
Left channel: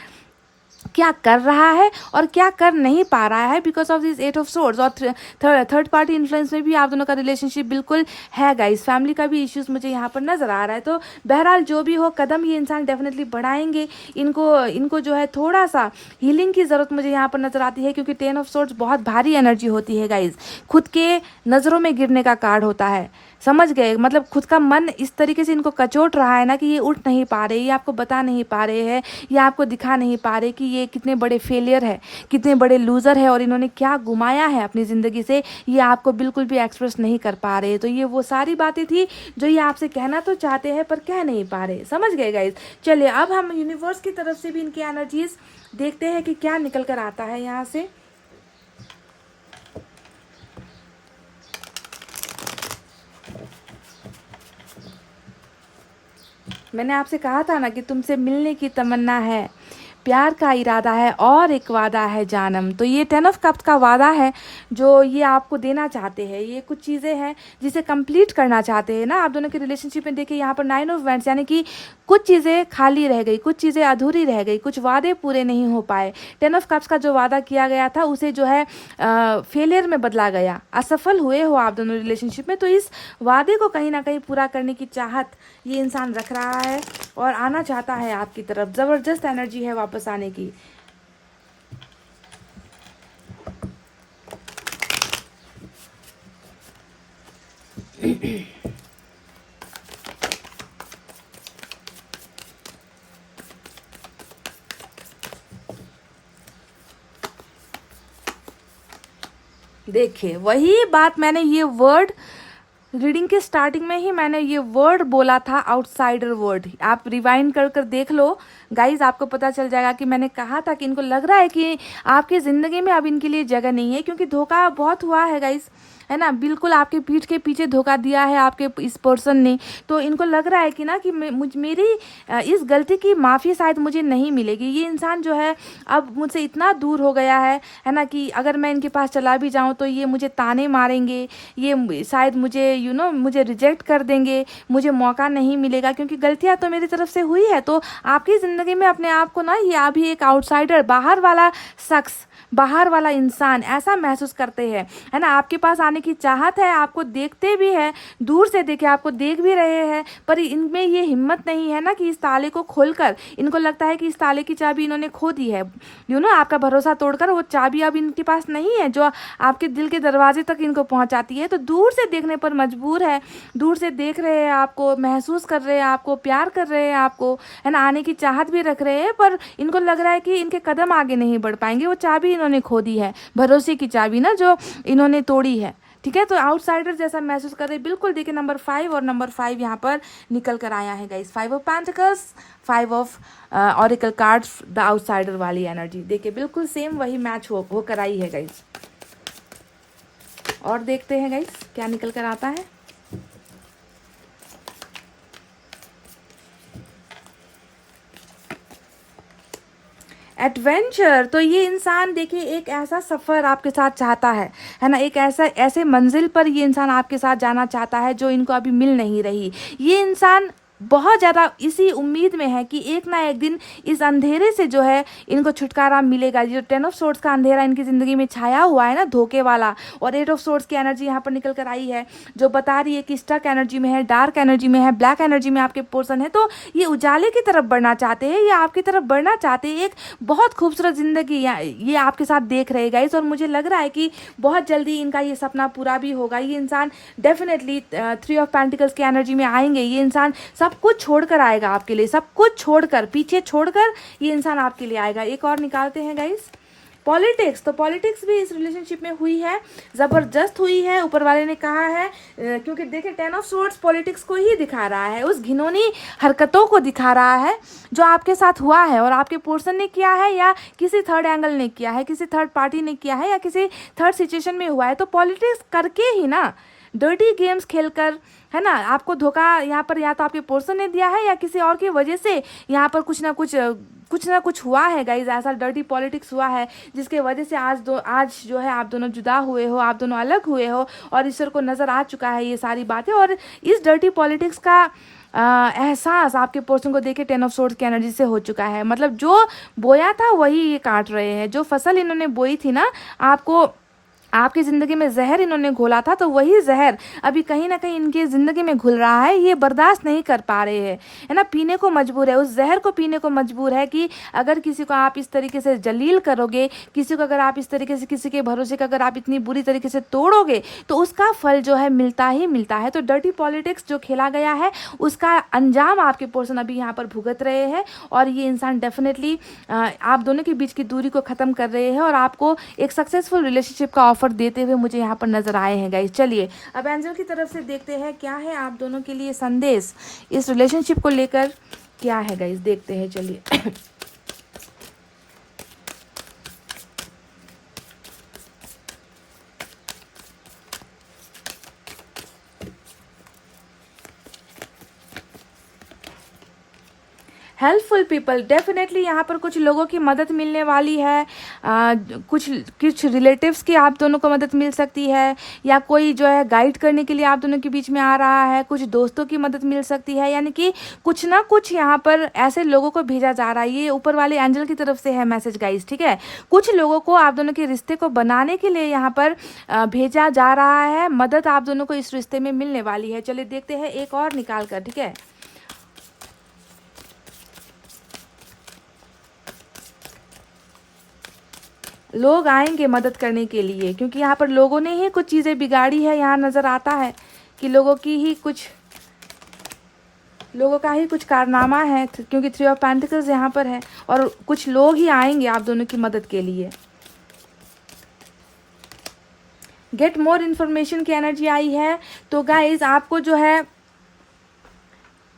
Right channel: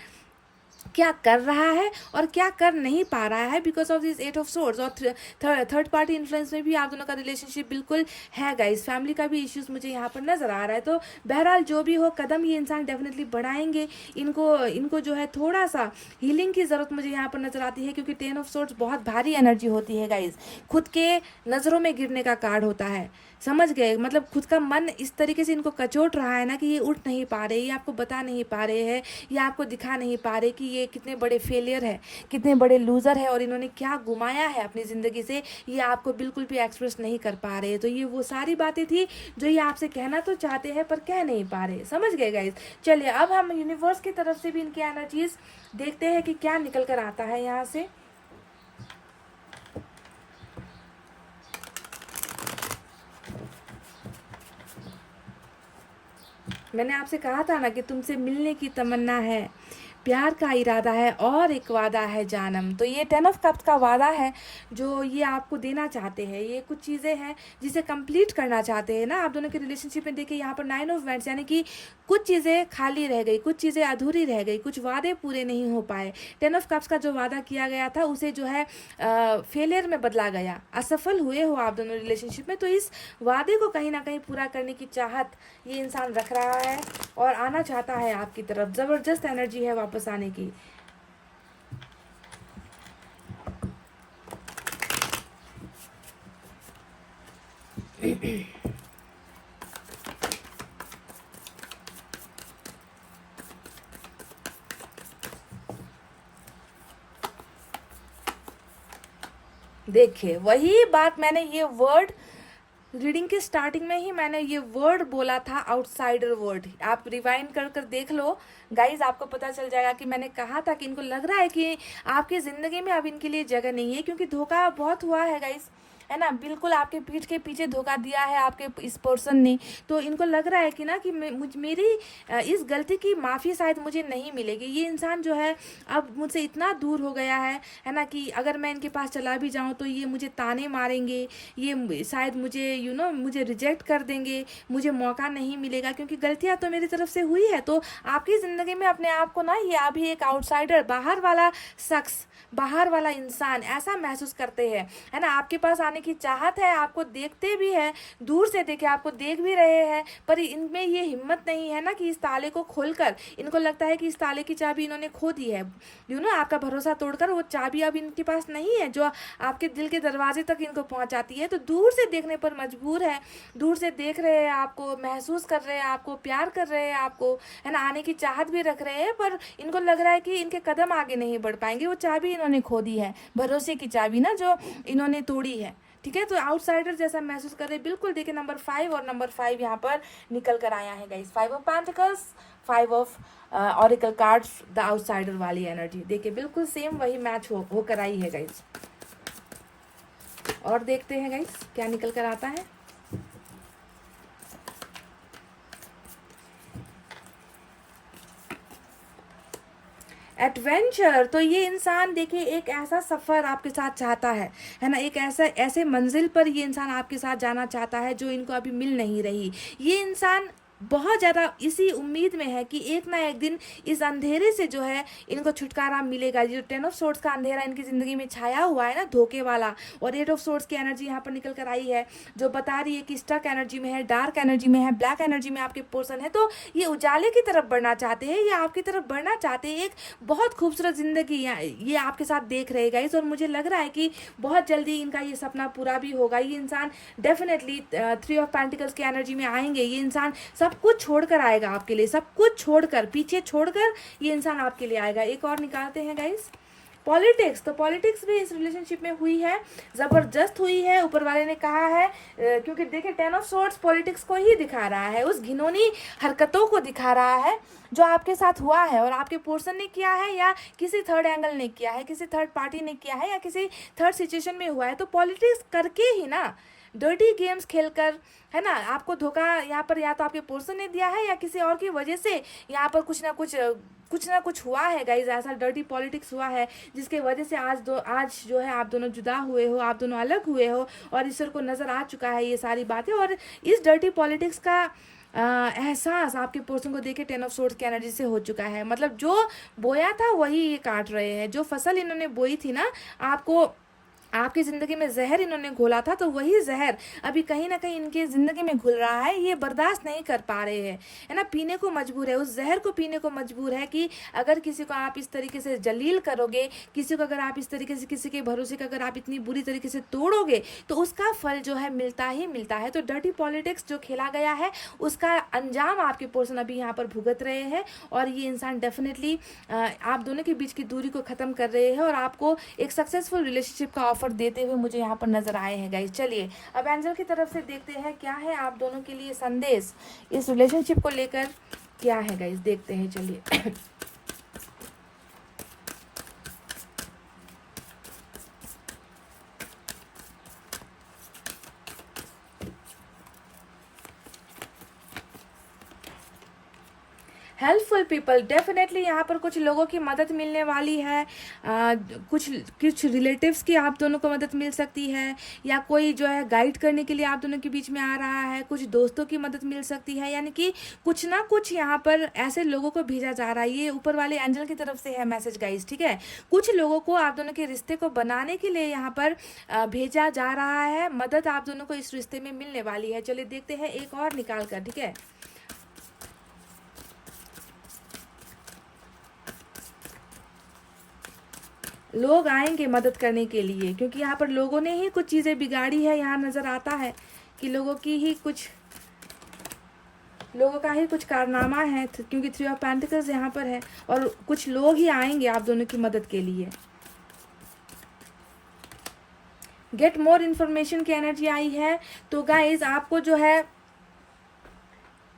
क्या कर रहा है और क्या कर नहीं पा रहा है, because of this 8 of swords. और थर्ड पार्टी इन्फ्लुएंस में भी आप दोनों का रिलेशनशिप बिल्कुल है गाइस। फैमिली का भी इश्यूज मुझे यहाँ पर नज़र आ रहा है। तो बहरहाल जो भी हो, कदम ये इंसान डेफिनेटली बढ़ाएंगे। इनको जो है थोड़ा सा हीलिंग की ज़रूरत मुझे यहाँ पर नज़र आती है, क्योंकि 10 ऑफ सोर्ड्स बहुत भारी एनर्जी होती है गाइज, खुद के नज़रों में गिरने का कार्ड होता है, समझ गए। मतलब खुद का मन इस तरीके से इनको कचोट रहा है ना कि ये उठ नहीं पा रहे, ये आपको बता नहीं पा रहे हैं, ये आपको दिखा नहीं पा रहे कि ये कितने बड़े फेलियर है, कितने बड़े लूज़र है, और इन्होंने क्या गुमाया है अपनी ज़िंदगी से, ये आपको बिल्कुल भी एक्सप्रेस नहीं कर पा रहे। तो ये वो सारी बातें थी जो ये आपसे कहना तो चाहते हैं पर कह नहीं पा रहे, समझ गए गाइज। चलिए अब हम यूनिवर्स की तरफ से भी इनकी एनर्जीज देखते हैं कि क्या निकल कर आता है यहाँ से। मैंने आपसे कहा था ना कि तुमसे मिलने की तमन्ना है, प्यार का इरादा है और एक वादा है जानम। तो ये 10 ऑफ कप्स का वादा है जो ये आपको देना चाहते हैं। ये कुछ चीज़ें हैं जिसे कंप्लीट करना चाहते हैं ना आप दोनों के रिलेशनशिप में। देखिए यहाँ पर 9 ऑफ वैंड्स, यानी कि कुछ चीज़ें खाली रह गई, कुछ चीज़ें अधूरी रह गई, कुछ वादे पूरे नहीं हो पाए। 10 ऑफ कप्स का जो वादा किया गया था उसे जो है फेलियर में बदला गया। असफल हुए हो आप दोनों रिलेशनशिप में, तो इस वादे को कहीं ना कहीं पूरा करने की चाहत ये इंसान रख रहा है और आना चाहता है आपकी तरफ। ज़बरदस्त एनर्जी है वापस आने की। देखिए वही बात, मैंने ये वर्ड रीडिंग के स्टार्टिंग में ही मैंने ये वर्ड बोला था, आउटसाइडर वर्ड। आप रिवाइंड कर कर देख लो गाइज, आपको पता चल जाएगा कि मैंने कहा था कि इनको लग रहा है कि आपकी ज़िंदगी में अब इनके लिए जगह नहीं है, क्योंकि धोखा बहुत हुआ है गाइज, है ना। बिल्कुल आपके पीठ के पीछे धोखा दिया है आपके इस पर्सन ने। तो इनको लग रहा है कि ना कि मेरी इस गलती की माफ़ी शायद मुझे नहीं मिलेगी। ये इंसान जो है अब मुझसे इतना दूर हो गया है ना, कि अगर मैं इनके पास चला भी जाऊँ तो ये मुझे ताने मारेंगे, ये शायद मुझे मुझे रिजेक्ट कर देंगे, मुझे मौका नहीं मिलेगा, क्योंकि गलतियाँ तो मेरी तरफ से हुई है। तो आपकी ज़िंदगी में अपने आप को ना ये अभी एक आउटसाइडर, बाहर वाला शख्स, बाहर वाला इंसान ऐसा महसूस करते हैं, है ना। आपके पास आने की चाहत है, आपको देखते भी है, दूर से देखे आपको देख भी रहे हैं, पर इनमें ये हिम्मत नहीं है ना कि इस ताले को खोलकर, इनको लगता है कि इस ताले की चाबी इन्होंने खो दी है। आपका भरोसा तोड़कर वो चाबी अब इनके पास नहीं है जो आपके दिल के दरवाजे तक इनको पहुंचाती है। तो दूर से देखने पर मजबूर है, दूर से देख रहे हैं आपको, महसूस कर रहे हैं आपको, प्यार कर रहे हैं आपको, है ना, आने की चाहत भी रख रहे हैं, पर इनको लग रहा है कि इनके कदम आगे नहीं बढ़ पाएंगे। वो चाबी इन्होंने खो दी है, भरोसे की चाबी ना, जो इन्होंने तोड़ी है। ठीक है, तो आउटसाइडर जैसा महसूस कर रहे हैं बिल्कुल। देखिए नंबर 5 और नंबर 5 यहाँ पर निकल कर आया है guys. 5 of pentacles, 5 of auricle cards, the outsider वाली एनर्जी। देखिए बिल्कुल सेम वही मैच होकर आई है गाइस। और देखते हैं गाइस क्या निकल कर आता है। एडवेंचर, तो ये इंसान देखिए एक ऐसा सफ़र आपके साथ चाहता है ना, एक ऐसे मंजिल पर ये इंसान आपके साथ जाना चाहता है जो इनको अभी मिल नहीं रही। ये इंसान बहुत ज़्यादा इसी उम्मीद में है कि एक ना एक दिन इस अंधेरे से जो है इनको छुटकारा मिलेगा। जो 10 ऑफ सोर्ड्स का अंधेरा इनकी ज़िंदगी में छाया हुआ है ना, धोखे वाला, और 8 ऑफ सोर्ड्स की एनर्जी यहाँ पर निकल कर आई है जो बता रही है कि स्टक एनर्जी में है, डार्क एनर्जी में है, ब्लैक एनर्जी में आपके पोर्सन है। तो ये उजाले की तरफ बढ़ना चाहते हैं, ये आपकी तरफ बढ़ना चाहते हैं, एक बहुत खूबसूरत ज़िंदगी ये आपके साथ देख रहे गाइस। और मुझे लग रहा है कि बहुत जल्दी इनका ये सपना पूरा भी होगा। ये इंसान डेफिनेटली 3 ऑफ पेंटिकल्स की एनर्जी में आएंगे। ये इंसान सब कुछ छोड़कर आएगा आपके लिए, सब कुछ छोड़कर, पीछे छोड़कर ये इंसान आपके लिए आएगा। एक और निकालते हैं गाइस, पॉलिटिक्स। तो पॉलिटिक्स भी इस रिलेशनशिप में हुई है, ज़बरदस्त हुई है, ऊपर वाले ने कहा है, क्योंकि देखिए 10 ऑफ सोर्ड्स पॉलिटिक्स को ही दिखा रहा है, उस घिनौनी हरकतों को दिखा रहा है जो आपके साथ हुआ है और आपके पर्सन ने किया है, या किसी थर्ड एंगल ने किया है, किसी थर्ड पार्टी ने किया है, या किसी थर्ड सिचुएशन में हुआ है। तो पॉलिटिक्स करके ही ना, डर्टी गेम्स खेलकर, है ना, आपको धोखा यहाँ पर या तो आपके पर्सन ने दिया है या किसी और की वजह से यहाँ पर कुछ ना कुछ हुआ है गाइज। ऐसा डर्टी पॉलिटिक्स हुआ है जिसके वजह से आज जो है आप दोनों जुदा हुए हो, आप दोनों अलग हुए हो, और ईश्वर को नज़र आ चुका है ये सारी बातें। और इस डर्टी पॉलिटिक्स का एहसास आपके पर्सन को देखे 10 ऑफ सोर्ड्स की एनर्जी से हो चुका है। मतलब जो बोया था वही ये काट रहे हैं, जो फसल इन्होंने बोई थी ना, आपकी ज़िंदगी में जहर इन्होंने घोला था, तो वही जहर अभी कहीं ना कहीं इनकी ज़िंदगी में घुल रहा है। ये बर्दाश्त नहीं कर पा रहे हैं, है ना, पीने को मजबूर है, उस जहर को पीने को मजबूर है कि अगर किसी को आप इस तरीके से जलील करोगे, किसी को अगर आप इस तरीके से, किसी के भरोसे का अगर आप इतनी बुरी तरीके से तोड़ोगे, तो उसका फल जो है मिलता ही मिलता है। तो डर्टी पॉलिटिक्स जो खेला गया है उसका अंजाम आपके पर्सन अभी यहाँ पर भुगत रहे हैं। और ये इंसान डेफिनेटली आप दोनों के बीच की दूरी को ख़त्म कर रहे हैं और आपको एक सक्सेसफुल रिलेशनशिप का ऑफर देते हुए मुझे यहाँ पर नजर आए हैं गाइस। चलिए अब एंजल की तरफ से देखते हैं क्या है आप दोनों के लिए संदेश इस रिलेशनशिप को लेकर, क्या है गाइस, देखते हैं। चलिए हेल्पफुल पीपल, डेफिनेटली यहाँ पर कुछ लोगों की मदद मिलने वाली है। कुछ कुछ रिलेटिव्स की आप दोनों को मदद मिल सकती है, या कोई जो है गाइड करने के लिए आप दोनों के बीच में आ रहा है। कुछ दोस्तों की मदद मिल सकती है, यानी कि कुछ ना कुछ यहाँ पर ऐसे लोगों को भेजा जा रहा है। ये ऊपर वाले एंजल की तरफ से है मैसेज गाइस, ठीक है। कुछ लोगों को आप दोनों के रिश्ते को बनाने के लिए यहाँ पर भेजा जा रहा है। मदद आप दोनों को इस रिश्ते में मिलने वाली है। चलिए देखते हैं एक और निकाल कर, ठीक है। लोग आएंगे मदद करने के लिए, क्योंकि यहाँ पर लोगों ने ही कुछ चीज़ें बिगाड़ी है। यहाँ नज़र आता है कि लोगों का ही कुछ कारनामा है, क्योंकि 3 ऑफ पेंटिकल्स यहाँ पर है, और कुछ लोग ही आएंगे आप दोनों की मदद के लिए। गेट मोर इन्फॉर्मेशन की एनर्जी आई है। तो गाइज आपको जो है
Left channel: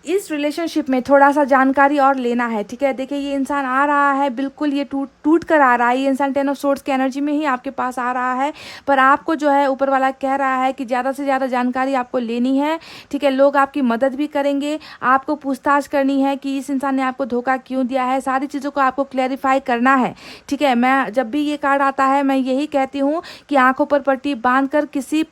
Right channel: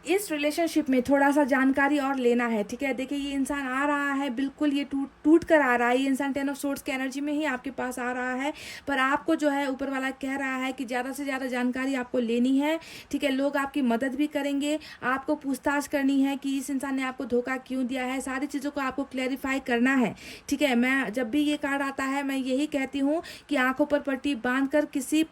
इस रिलेशनशिप में थोड़ा सा जानकारी और लेना है, ठीक है। देखिए ये इंसान आ रहा है, बिल्कुल ये टूट कर आ रहा है। ये इंसान 10 ऑफ सोर्ड्स की एनर्जी में ही आपके पास आ रहा है, पर आपको जो है ऊपर वाला कह रहा है कि ज़्यादा से ज़्यादा जानकारी आपको लेनी है, ठीक है। लोग आपकी मदद भी करेंगे, आपको पूछताछ करनी है कि इस इंसान ने आपको धोखा क्यों दिया है। सारी चीज़ों को आपको क्लैरिफाई करना है, ठीक है। मैं जब भी ये कार्ड आता है मैं यही कहती हूँ कि आंखों पर पट्टी बांध कर किसी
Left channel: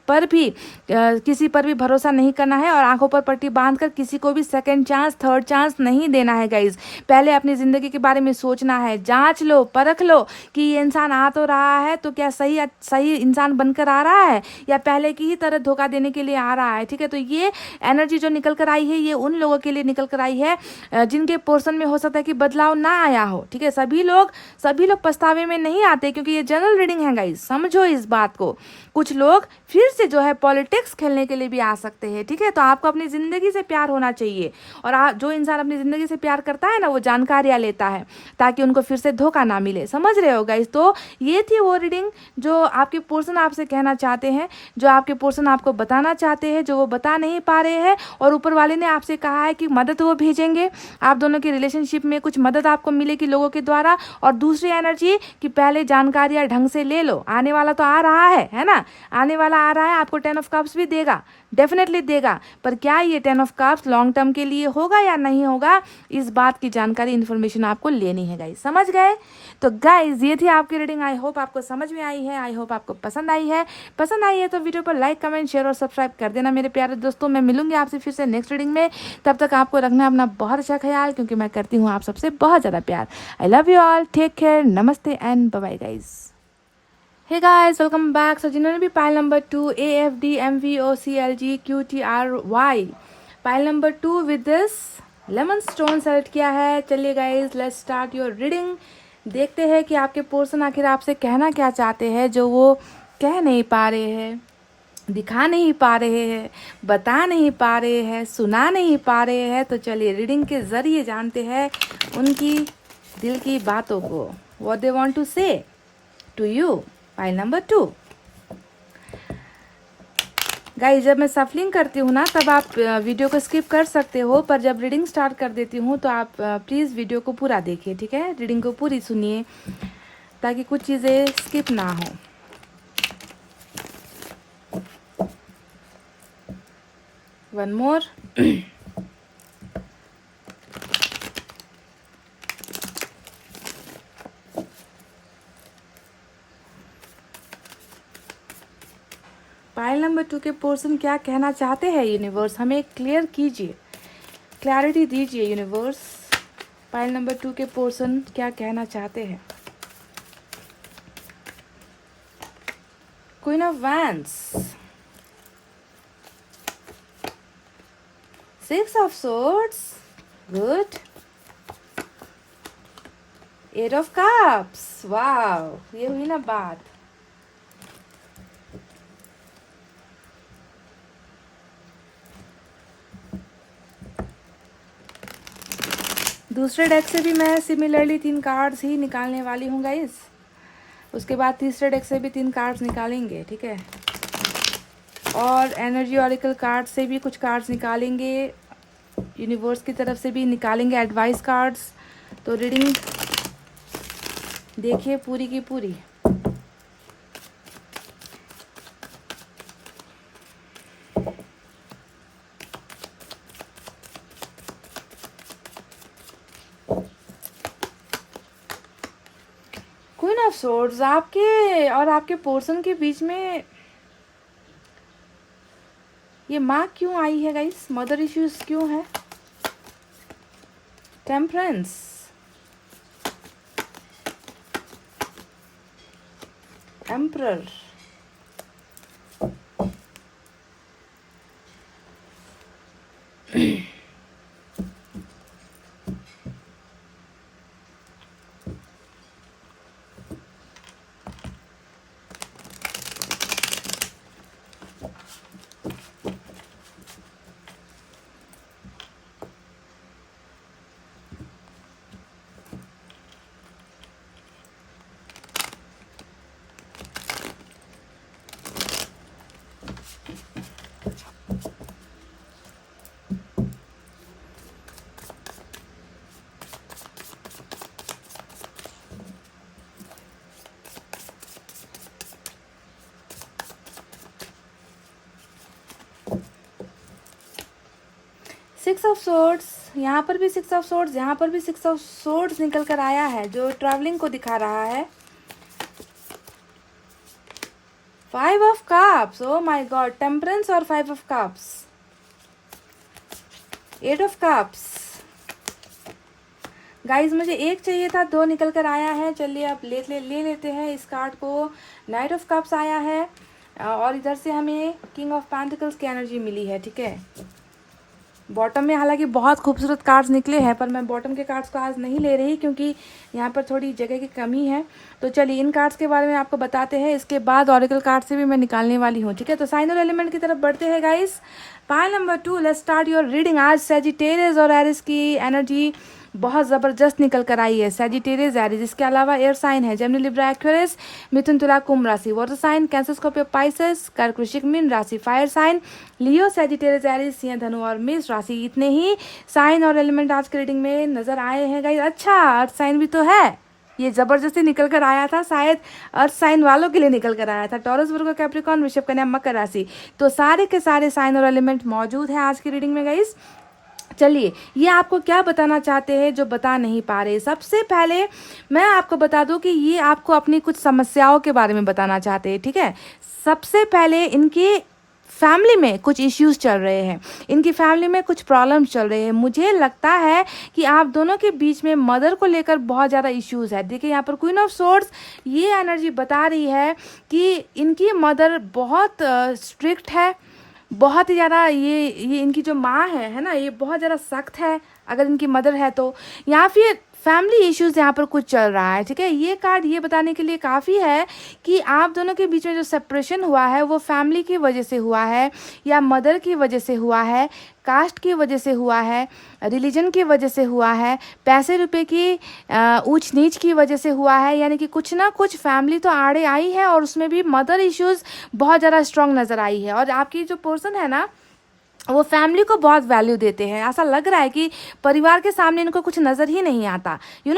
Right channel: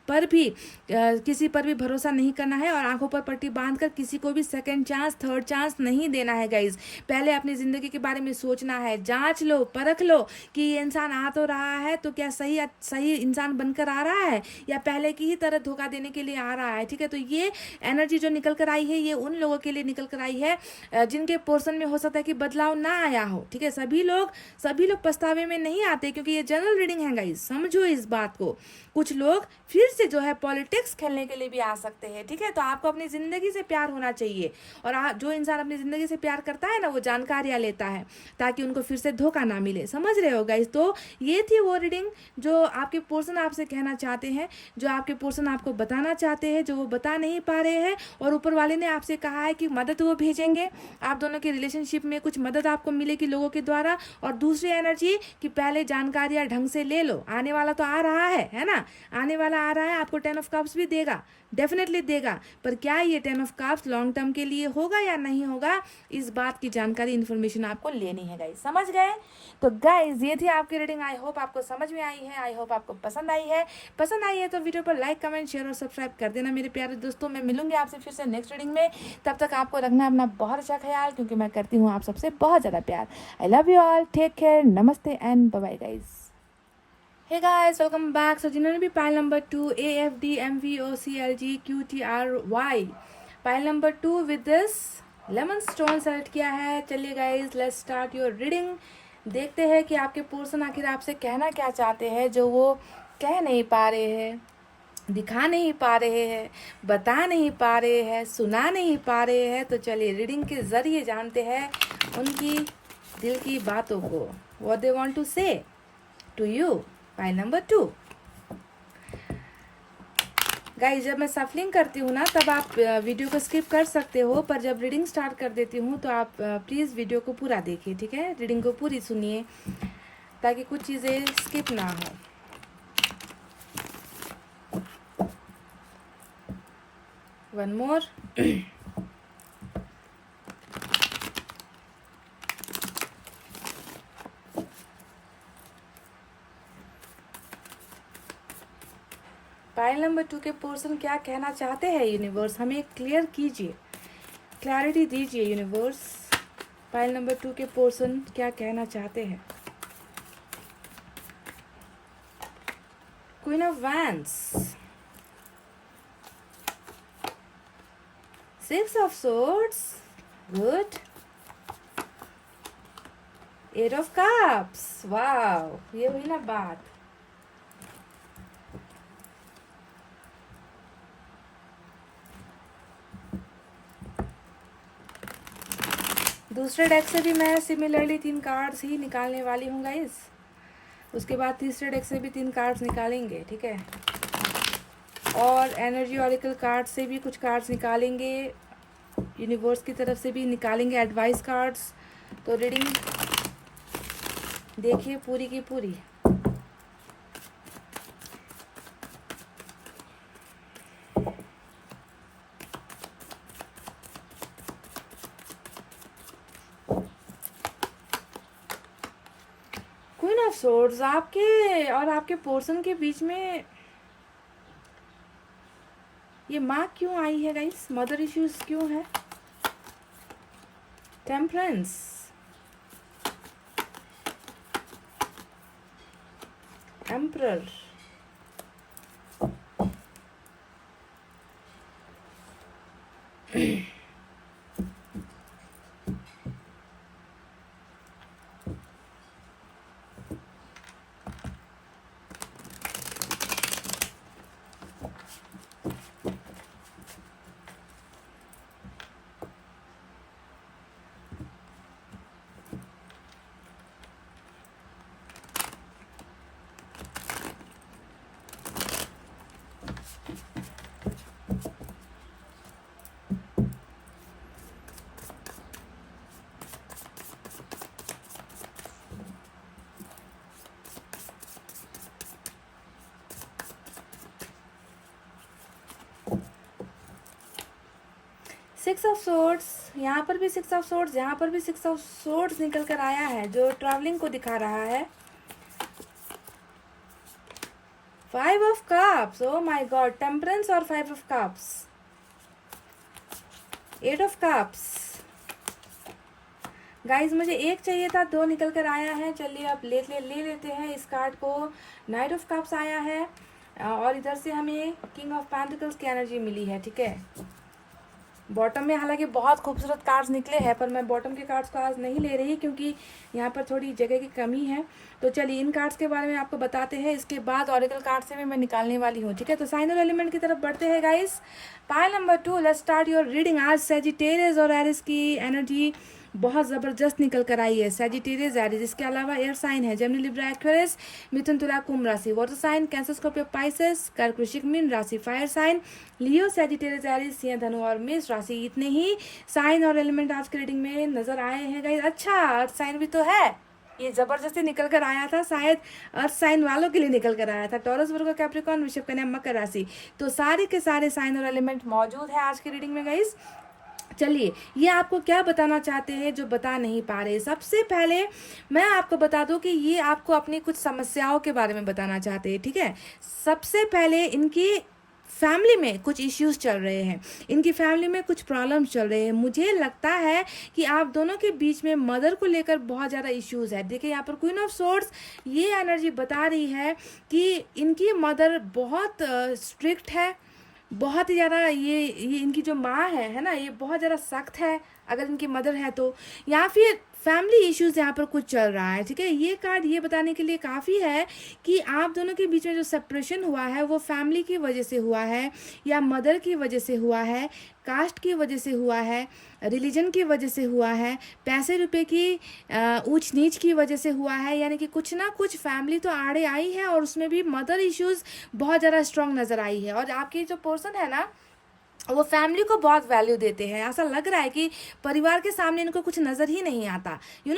पर भी भरोसा नहीं करना है, और आंखों पर पट्टी बांध कर किसी को भी सेकंड चांस, थर्ड चांस नहीं देना है गाइज। पहले अपनी ज़िंदगी के बारे में सोचना है, जांच लो, परख लो कि ये इंसान आ तो रहा है तो क्या सही इंसान बनकर आ रहा है, या पहले की ही तरह धोखा देने के लिए आ रहा है, ठीक है। तो ये एनर्जी जो निकल कर आई है ये उन लोगों के लिए निकल कर आई है जिनके पोर्शन में हो सकता है कि बदलाव ना आया हो, ठीक है। सभी लोग पछतावे में नहीं आते, क्योंकि ये जनरल रीडिंग है गाइज, समझो इस बात को। कुछ लोग फिर से जो है पॉलिटिक्स खेलने के लिए भी आ सकते हैं, ठीक है। तो आपको अपनी ज़िंदगी से प्यार होना चाहिए, और जो इंसान अपनी ज़िंदगी से प्यार करता है ना वो जानकारियाँ लेता है ताकि उनको फिर से धोखा ना मिले, समझ रहे हो गाइस। तो ये थी वो रीडिंग जो आपके पोर्शन आपसे कहना चाहते हैं, जो आपके पोर्शन आपको बताना चाहते हैं, जो वो बता नहीं पा रहे हैं। और ऊपर वाले ने आपसे कहा है कि मदद वो भेजेंगे, आप दोनों की रिलेशनशिप में कुछ मदद आपको मिलेगी लोगों के द्वारा। और दूसरी एनर्जी कि पहले जानकारियाँ ढंग से ले लो, आने वाला तो आ रहा है ना, आने वाला आ रहा है, आपको 10 ऑफ कप्स भी देगा, डेफिनेटली देगा। पर क्या ये 10 ऑफ कप्स लॉन्ग टर्म के लिए होगा या नहीं होगा, इस बात की जानकारी, इन्फॉर्मेशन आपको लेनी है गाइस, समझ गए। तो गाइस ये थी आपकी रीडिंग। आई होप आपको समझ में आई है, आई होप आपको पसंद आई है तो वीडियो पर लाइक, कमेंट, शेयर और सब्सक्राइब कर देना मेरे प्यारे दोस्तों। मैं मिलूंगी आपसे फिर से नेक्स्ट रीडिंग में। तब तक आपको रखना अपना बहुत अच्छा ख्याल, क्योंकि मैं करती हूँ आप सबसे बहुत ज़्यादा प्यार। I love you all, take care, नमस्ते and bye bye guys. Hey guys, welcome back. So जिन्होंने भी pile number 2 AFD MVOCLG QTRY pile number 2 with this lemon stone select किया है, चलिए guys let's start your reading. देखते हैं कि आपके पोर्शन आखिर आपसे कहना क्या चाहते हैं, जो वो कह नहीं पा रहे हैं, दिखा नहीं पा रहे हैं, बता नहीं पा रहे हैं, सुना नहीं पा रहे हैं। तो चलिए रीडिंग के ज़रिए जानते हैं उनकी दिल की बातों को, what they want to say to you. Pile number 2 guys, जब मैं सफलिंग करती हूँ ना तब आप वीडियो को स्किप कर सकते हो, पर जब रीडिंग स्टार्ट कर देती हूँ तो आप प्लीज़ वीडियो को पूरा देखिए, ठीक है। रीडिंग को पूरी सुनिए ताकि कुछ चीज़ें स्किप ना हो। One more. पाइल नंबर 2 के पोर्शन क्या कहना चाहते हैं यूनिवर्स, हमें क्लियर कीजिए, क्लैरिटी दीजिए यूनिवर्स। पाइल नंबर 2 के पोर्शन क्या कहना चाहते हैं। Queen of wands, 6 of swords, good, 8 of cups, wow, ये हुई ना बात। दूसरे डेक से भी मैं सिमिलरली 3 कार्ड्स ही निकालने वाली हूँ गाइस, उसके बाद तीसरे डेक से भी 3 कार्ड्स निकालेंगे, ठीक है। और एनर्जी ऑरिकल कार्ड से भी कुछ कार्ड्स निकालेंगे, यूनिवर्स की तरफ से भी निकालेंगे एडवाइस कार्ड्स। तो रीडिंग देखिए पूरी की पूरी। ऑफ सोर्ड्स आपके और आपके पर्सन के बीच में ये माँ क्यों आई है गाइस? मदर इश्यूज क्यों है? Temperance, emperor, six of swords, यहाँ पर भी सिक्स ऑफ सोर्ड्स, यहाँ पर भी सिक्स ऑफ सोर्ड्स निकल कर आया है जो ट्रैवलिंग को दिखा रहा है। Five of cups, oh my god, temperance और five of cups, eight of cups. Guys मुझे एक चाहिए था, दो निकल कर आया है। चलिए अब ले लेते हैं इस कार्ड को। नाइट ऑफ कप्स आया है और इधर से हमें किंग ऑफ पेंटिकल्स की एनर्जी मिली है। ठीक है, बॉटम में हालांकि बहुत खूबसूरत कार्ड्स निकले हैं, पर मैं बॉटम के कार्ड्स को आज नहीं ले रही क्योंकि यहाँ पर थोड़ी जगह की कमी है। तो चलिए इन कार्ड्स के बारे में आपको बताते हैं, इसके बाद ऑरेकल कार्ड से भी मैं निकालने वाली हूँ। ठीक है, तो साइन और एलिमेंट की तरफ बढ़ते हैं guys. Pile number 2, let's start your reading. आज सैजिटेरियस और एरिस की एनर्जी बहुत ज़बरदस्त निकल कर आई है। सैजिटेरियस, एरिस, इसके अलावा एयर साइन है Gemini, Libra, Aquarius, Mithun, Tula, Kumbh राशि। Water sign Cancer, Scorpio, Pisces, Kark, Vrishchik, Meen राशि। Fire sign Leo, Sagittarius, Aries, Simha, Dhanu और मेष राशि। इतने ही साइन और एलिमेंट आज के रीडिंग में नजर आए हैं गाइस। अच्छा, अर्थ साइन भी तो है, ये जबरदस्ती निकल कर आया था, शायद अर्थ साइन वालों के लिए निकल कर आया था। टॉरस, वर्गो, कैप्रिकॉर्न, वृषभ, कन्या, मकर राशि। तो सारे के सारे साइन और एलिमेंट मौजूद हैं आज की रीडिंग में गाइस। चलिए ये आपको क्या बताना चाहते हैं जो बता नहीं पा रहे। सबसे पहले मैं आपको बता दूं कि ये आपको अपनी कुछ समस्याओं के बारे में बताना चाहते हैं। ठीक है, सबसे पहले इनके फैमिली में कुछ इश्यूज चल रहे हैं, इनकी फैमिली में कुछ प्रॉब्लम्स चल रहे हैं। मुझे लगता है कि आप दोनों के बीच में मदर को लेकर बहुत ज़्यादा इश्यूज है। देखिए यहाँ पर क्वीन ऑफ सोर्ड्स, ये एनर्जी बता रही है कि इनकी मदर बहुत स्ट्रिक्ट है, बहुत ही ज़्यादा। ये इनकी जो माँ है ना, ये बहुत ज़्यादा सख्त है अगर इनकी मदर है तो, या फिर फैमिली इश्यूज यहाँ पर कुछ चल रहा है। ठीक है, ये कार्ड ये बताने के लिए काफ़ी है कि आप दोनों के बीच में जो सेपरेशन हुआ है वो फैमिली की वजह से हुआ है, या मदर की वजह से हुआ है, कास्ट की वजह से हुआ है, रिलीजन की वजह से हुआ है, पैसे रुपए की ऊंच नीच की वजह से हुआ है। यानी कि कुछ ना कुछ फैमिली तो आड़े आई है और उसमें भी मदर इश्यूज बहुत ज़्यादा स्ट्रॉन्ग नज़र आई है। और आपकी जो पर्सन है ना, वो फैमिली को बहुत वैल्यू देते हैं। ऐसा लग रहा है कि परिवार के सामने इनको कुछ नज़र ही नहीं आता।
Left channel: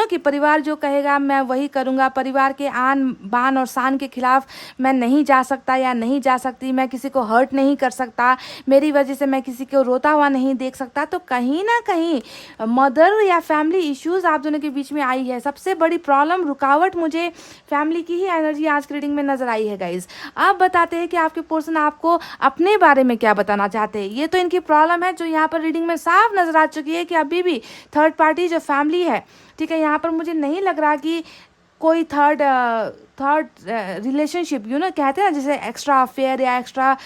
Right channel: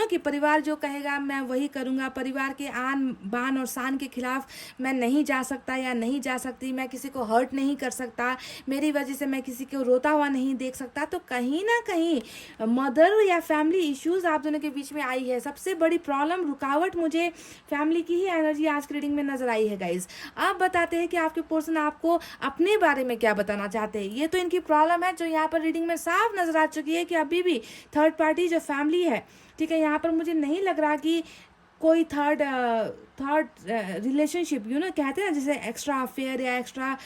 कि परिवार जो कहेगा मैं वही करूँगा, परिवार के आन बान और शान के खिलाफ मैं नहीं जा सकता या नहीं जा सकती, मैं किसी को हर्ट नहीं कर सकता, मेरी वजह से मैं किसी को रोता हुआ नहीं देख सकता। तो कहीं ना कहीं मदर या फैमिली इश्यूज आप दोनों के बीच में आई है। सबसे बड़ी प्रॉब्लम, रुकावट मुझे फैमिली की ही एनर्जी आज के रीडिंग में नजर आई है गाइज। अब बताते हैं कि आपके पर्सन आपको अपने बारे में क्या बताना चाहते हैं। ये तो इनकी प्रॉब्लम है जो यहाँ पर रीडिंग में साफ नजर आ चुकी है कि अभी भी थर्ड पार्टी जो फैमिली है, ठीक है, यहाँ पर मुझे नहीं लग रहा कि कोई थर्ड रिलेशनशिप, कहते हैं ना, जैसे एक्स्ट्रा अफेयर या एक्स्ट्रा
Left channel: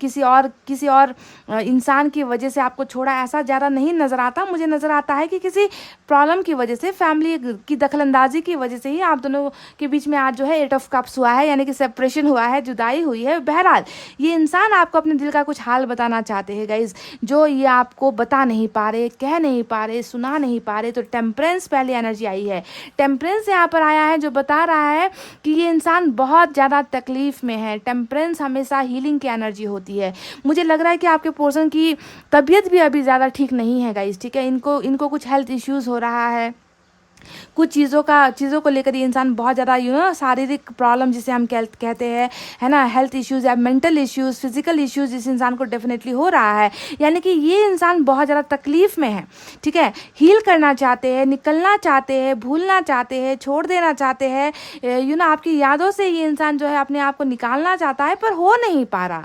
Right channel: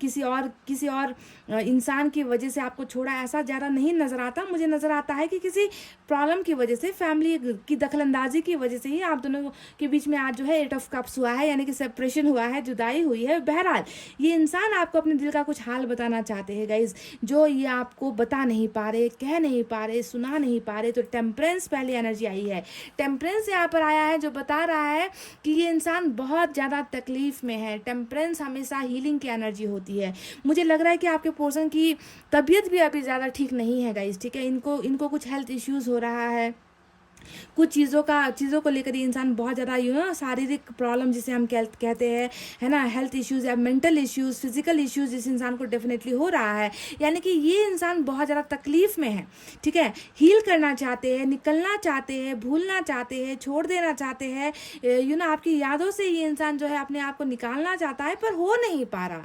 किसी और इंसान की वजह से आपको छोड़ा, ऐसा ज़्यादा नहीं नज़र आता। मुझे नज़र आता है कि किसी प्रॉब्लम की वजह से, फैमिली की दखलंदाजी की वजह से ही आप दोनों के बीच में आज जो है 8 ऑफ कप्स हुआ है, यानी कि सेपरेशन हुआ है, जुदाई हुई है। बहरहाल ये इंसान आपको अपने दिल का कुछ हाल बताना चाहते हैं गाइज, जो ये आपको बता नहीं पा रहे, कह नहीं पा रहे, सुना नहीं पा रहे। तो टेम्परेंस पहले एनर्जी आई है। टेम्परेंस यहाँ पर आया है जो बता रहा है कि ये इंसान बहुत ज़्यादा तकलीफ में है। टेम्परेंस हमेशा हीलिंग की एनर्जी होती है। मुझे लग रहा है कि आपके पर्सन की तबीयत भी अभी ज़्यादा ठीक नहीं है गाइस। ठीक है, इनको कुछ हेल्थ इश्यूज़ हो रहा है, कुछ चीज़ों को लेकर ये इंसान बहुत ज़्यादा शारीरिक प्रॉब्लम जिसे हम कहते हैं, है ना, हेल्थ इश्यूज़ या मेंटल इश्यूज़, फिजिकल इश्यूज़ इस इंसान को डेफिनेटली हो रहा है। यानी कि ये इंसान बहुत ज़्यादा तकलीफ़ में है, ठीक है। हील करना चाहते हैं, निकलना चाहते हैं, भूलना चाहते हैं, छोड़ देना चाहते हैं, आपकी यादों से ये इंसान जो है अपने आप को निकालना चाहता है, पर हो नहीं पा रहा।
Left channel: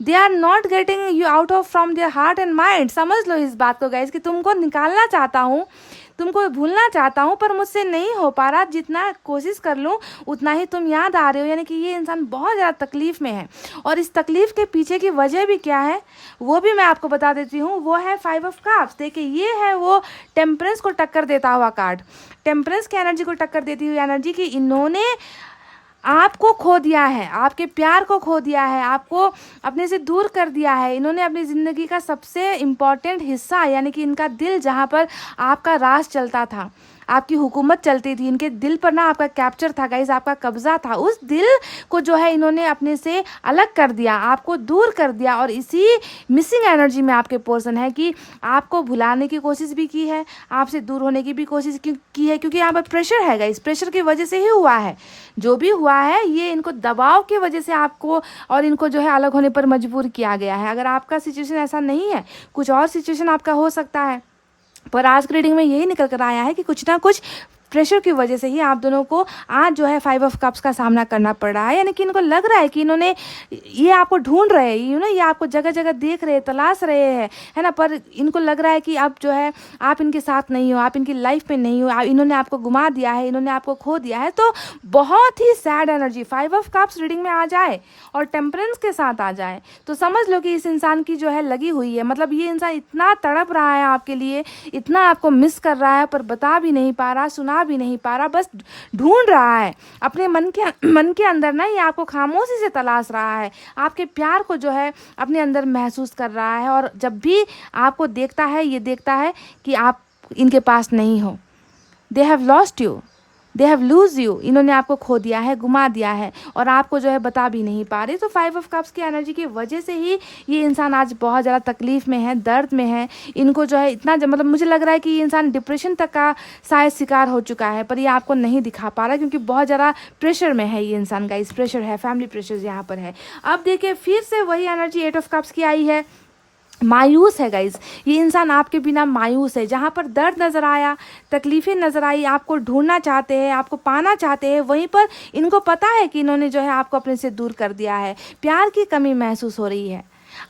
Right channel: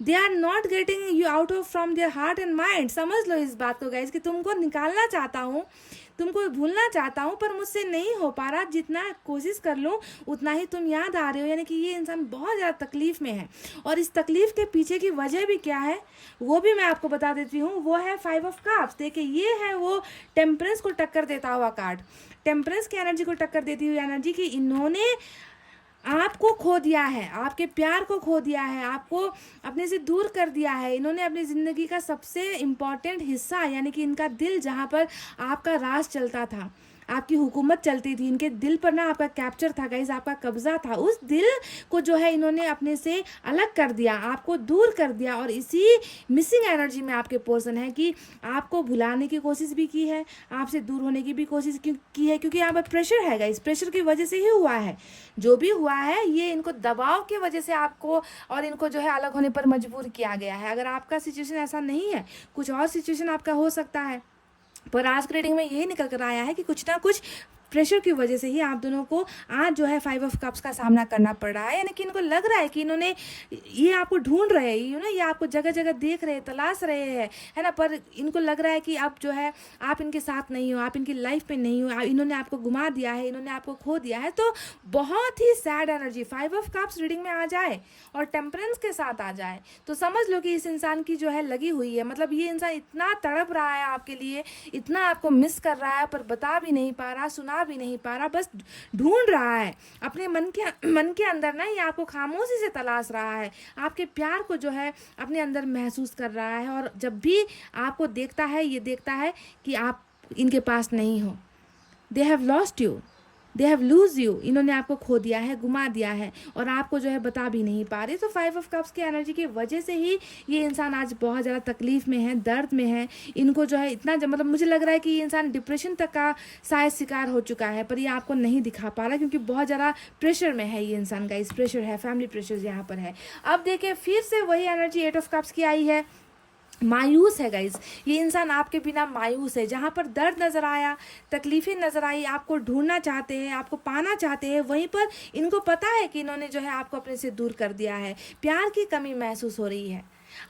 They are not getting you out of from their heart and mind. समझ लो इस बात को गाइज कि तुमको निकालना चाहता हूँ, तुमको भूलना चाहता हूँ, पर मुझसे नहीं हो पा रहा। जितना कोशिश कर लूँ उतना ही तुम याद आ रहे हो। यानी कि ये इंसान बहुत ज़्यादा तकलीफ़ में है, और इस तकलीफ़ के पीछे की वजह भी क्या है वो भी मैं आपको बता देती हूँ। वो है 5 ऑफ कप्स। देखिए, ये है वो टेम्परेंस को टक्कर देता हुआ कार्ड, टेम्परेंस की एनर्जी को टक्कर देती हुई एनर्जी कि इन्होंने आपको खो दिया है, आपके प्यार को खो दिया है, आपको अपने से दूर कर दिया है। इन्होंने अपनी ज़िंदगी का सबसे इम्पॉर्टेंट हिस्सा, यानी कि इनका दिल, जहाँ पर आपका राज चलता था, आपकी हुकूमत चलती थी, इनके दिल पर ना आपका कैप्चर था गाइस, आपका कब्ज़ा था, उस दिल को जो है इन्होंने अपने से अलग कर दिया, आपको दूर कर दिया। और इसी मिसिंग एनर्जी में आपके पर्सन है कि आपको भुलाने की कोशिश भी की है, आपसे दूर होने की भी कोशिश की है, क्योंकि यहाँ पर प्रेशर है गाइस, प्रेशर की वजह से ही हुआ है जो भी हुआ है। ये इनको दबाव की वजह से आपको और इनको जो है अलग होने पर मजबूर किया गया है। अगर आपका सिचुएशन ऐसा नहीं है, कुछ और सिचुएशन आपका हो सकता है, पर आज की रीडिंग में यही निकल कर आया है कि कुछ ना कुछ प्रेशर की वजह से ही आप दोनों को आज जो है 5 ऑफ कप्स का सामना करना पड़ रहा है। यानी कि इनको लग रहा है कि ये आपको ढूंढ रहे हैं, ये आपको जगह जगह देख रहे हैं, तलाश रहे हैं, है ना, पर इनको लग रहा है कि अब जो है आप इनके साथ नहीं हो, आप इनकी लाइफ में नहीं हो, इन्होंने आपको घुमा दिया है, इन्होंने आपको खो दिया है। तो बहुत ही sad energy 5 of cups reading में आ जाए और टेम्परेंस के साथ आ जाए तो समझ लो कि इस इंसान की जो है लगी हुई है। मतलब ये इंसान इतना तड़प रहा है आपके लिए, इतना आपको मिस कर रहा है, पर बता भी नहीं पा रहा, सुना भी नहीं पा रहा, बस ढूंढ रहा है अपने मन के अंदर ना। ये आपको खामोशी से तलाश रहा है, आपके प्यार को जो है अपने अंदर महसूस कर रहा है। और जब भी आपको देखता है, ये देखता है कि आप इनके पास नहीं हो। They have lost you, they have lose you. इन्होंने आपको खो दिया है, घुमा दिया है, और आपको जो है बता भी नहीं पा रहे। तो 5 ऑफ कप्स की एनर्जी की वजह से ही ये इंसान आज बहुत ज़्यादा तकलीफ़ में है, दर्द में है। इनको जो है इतना मतलब मुझे लग रहा है कि ये इंसान डिप्रेशन तक का शायद शिकार हो चुका है, पर ये आपको नहीं दिखा पा रहा क्योंकि बहुत ज़्यादा प्रेशर में है ये इंसान का। इस प्रेशर है, फैमिली प्रेशर यहाँ पर है। अब देखिए फिर से वही एनर्जी 8 ऑफ कप्स की आई है। मायूस है गाइज, ये इंसान आपके बिना मायूस है। जहाँ पर दर्द नज़र आया, तकलीफ़ें नज़र आई, आपको ढूंढना चाहते हैं, आपको पाना चाहते हैं, वहीं पर इनको पता है कि इन्होंने जो है आपको अपने से दूर कर दिया है। प्यार की कमी महसूस हो रही है,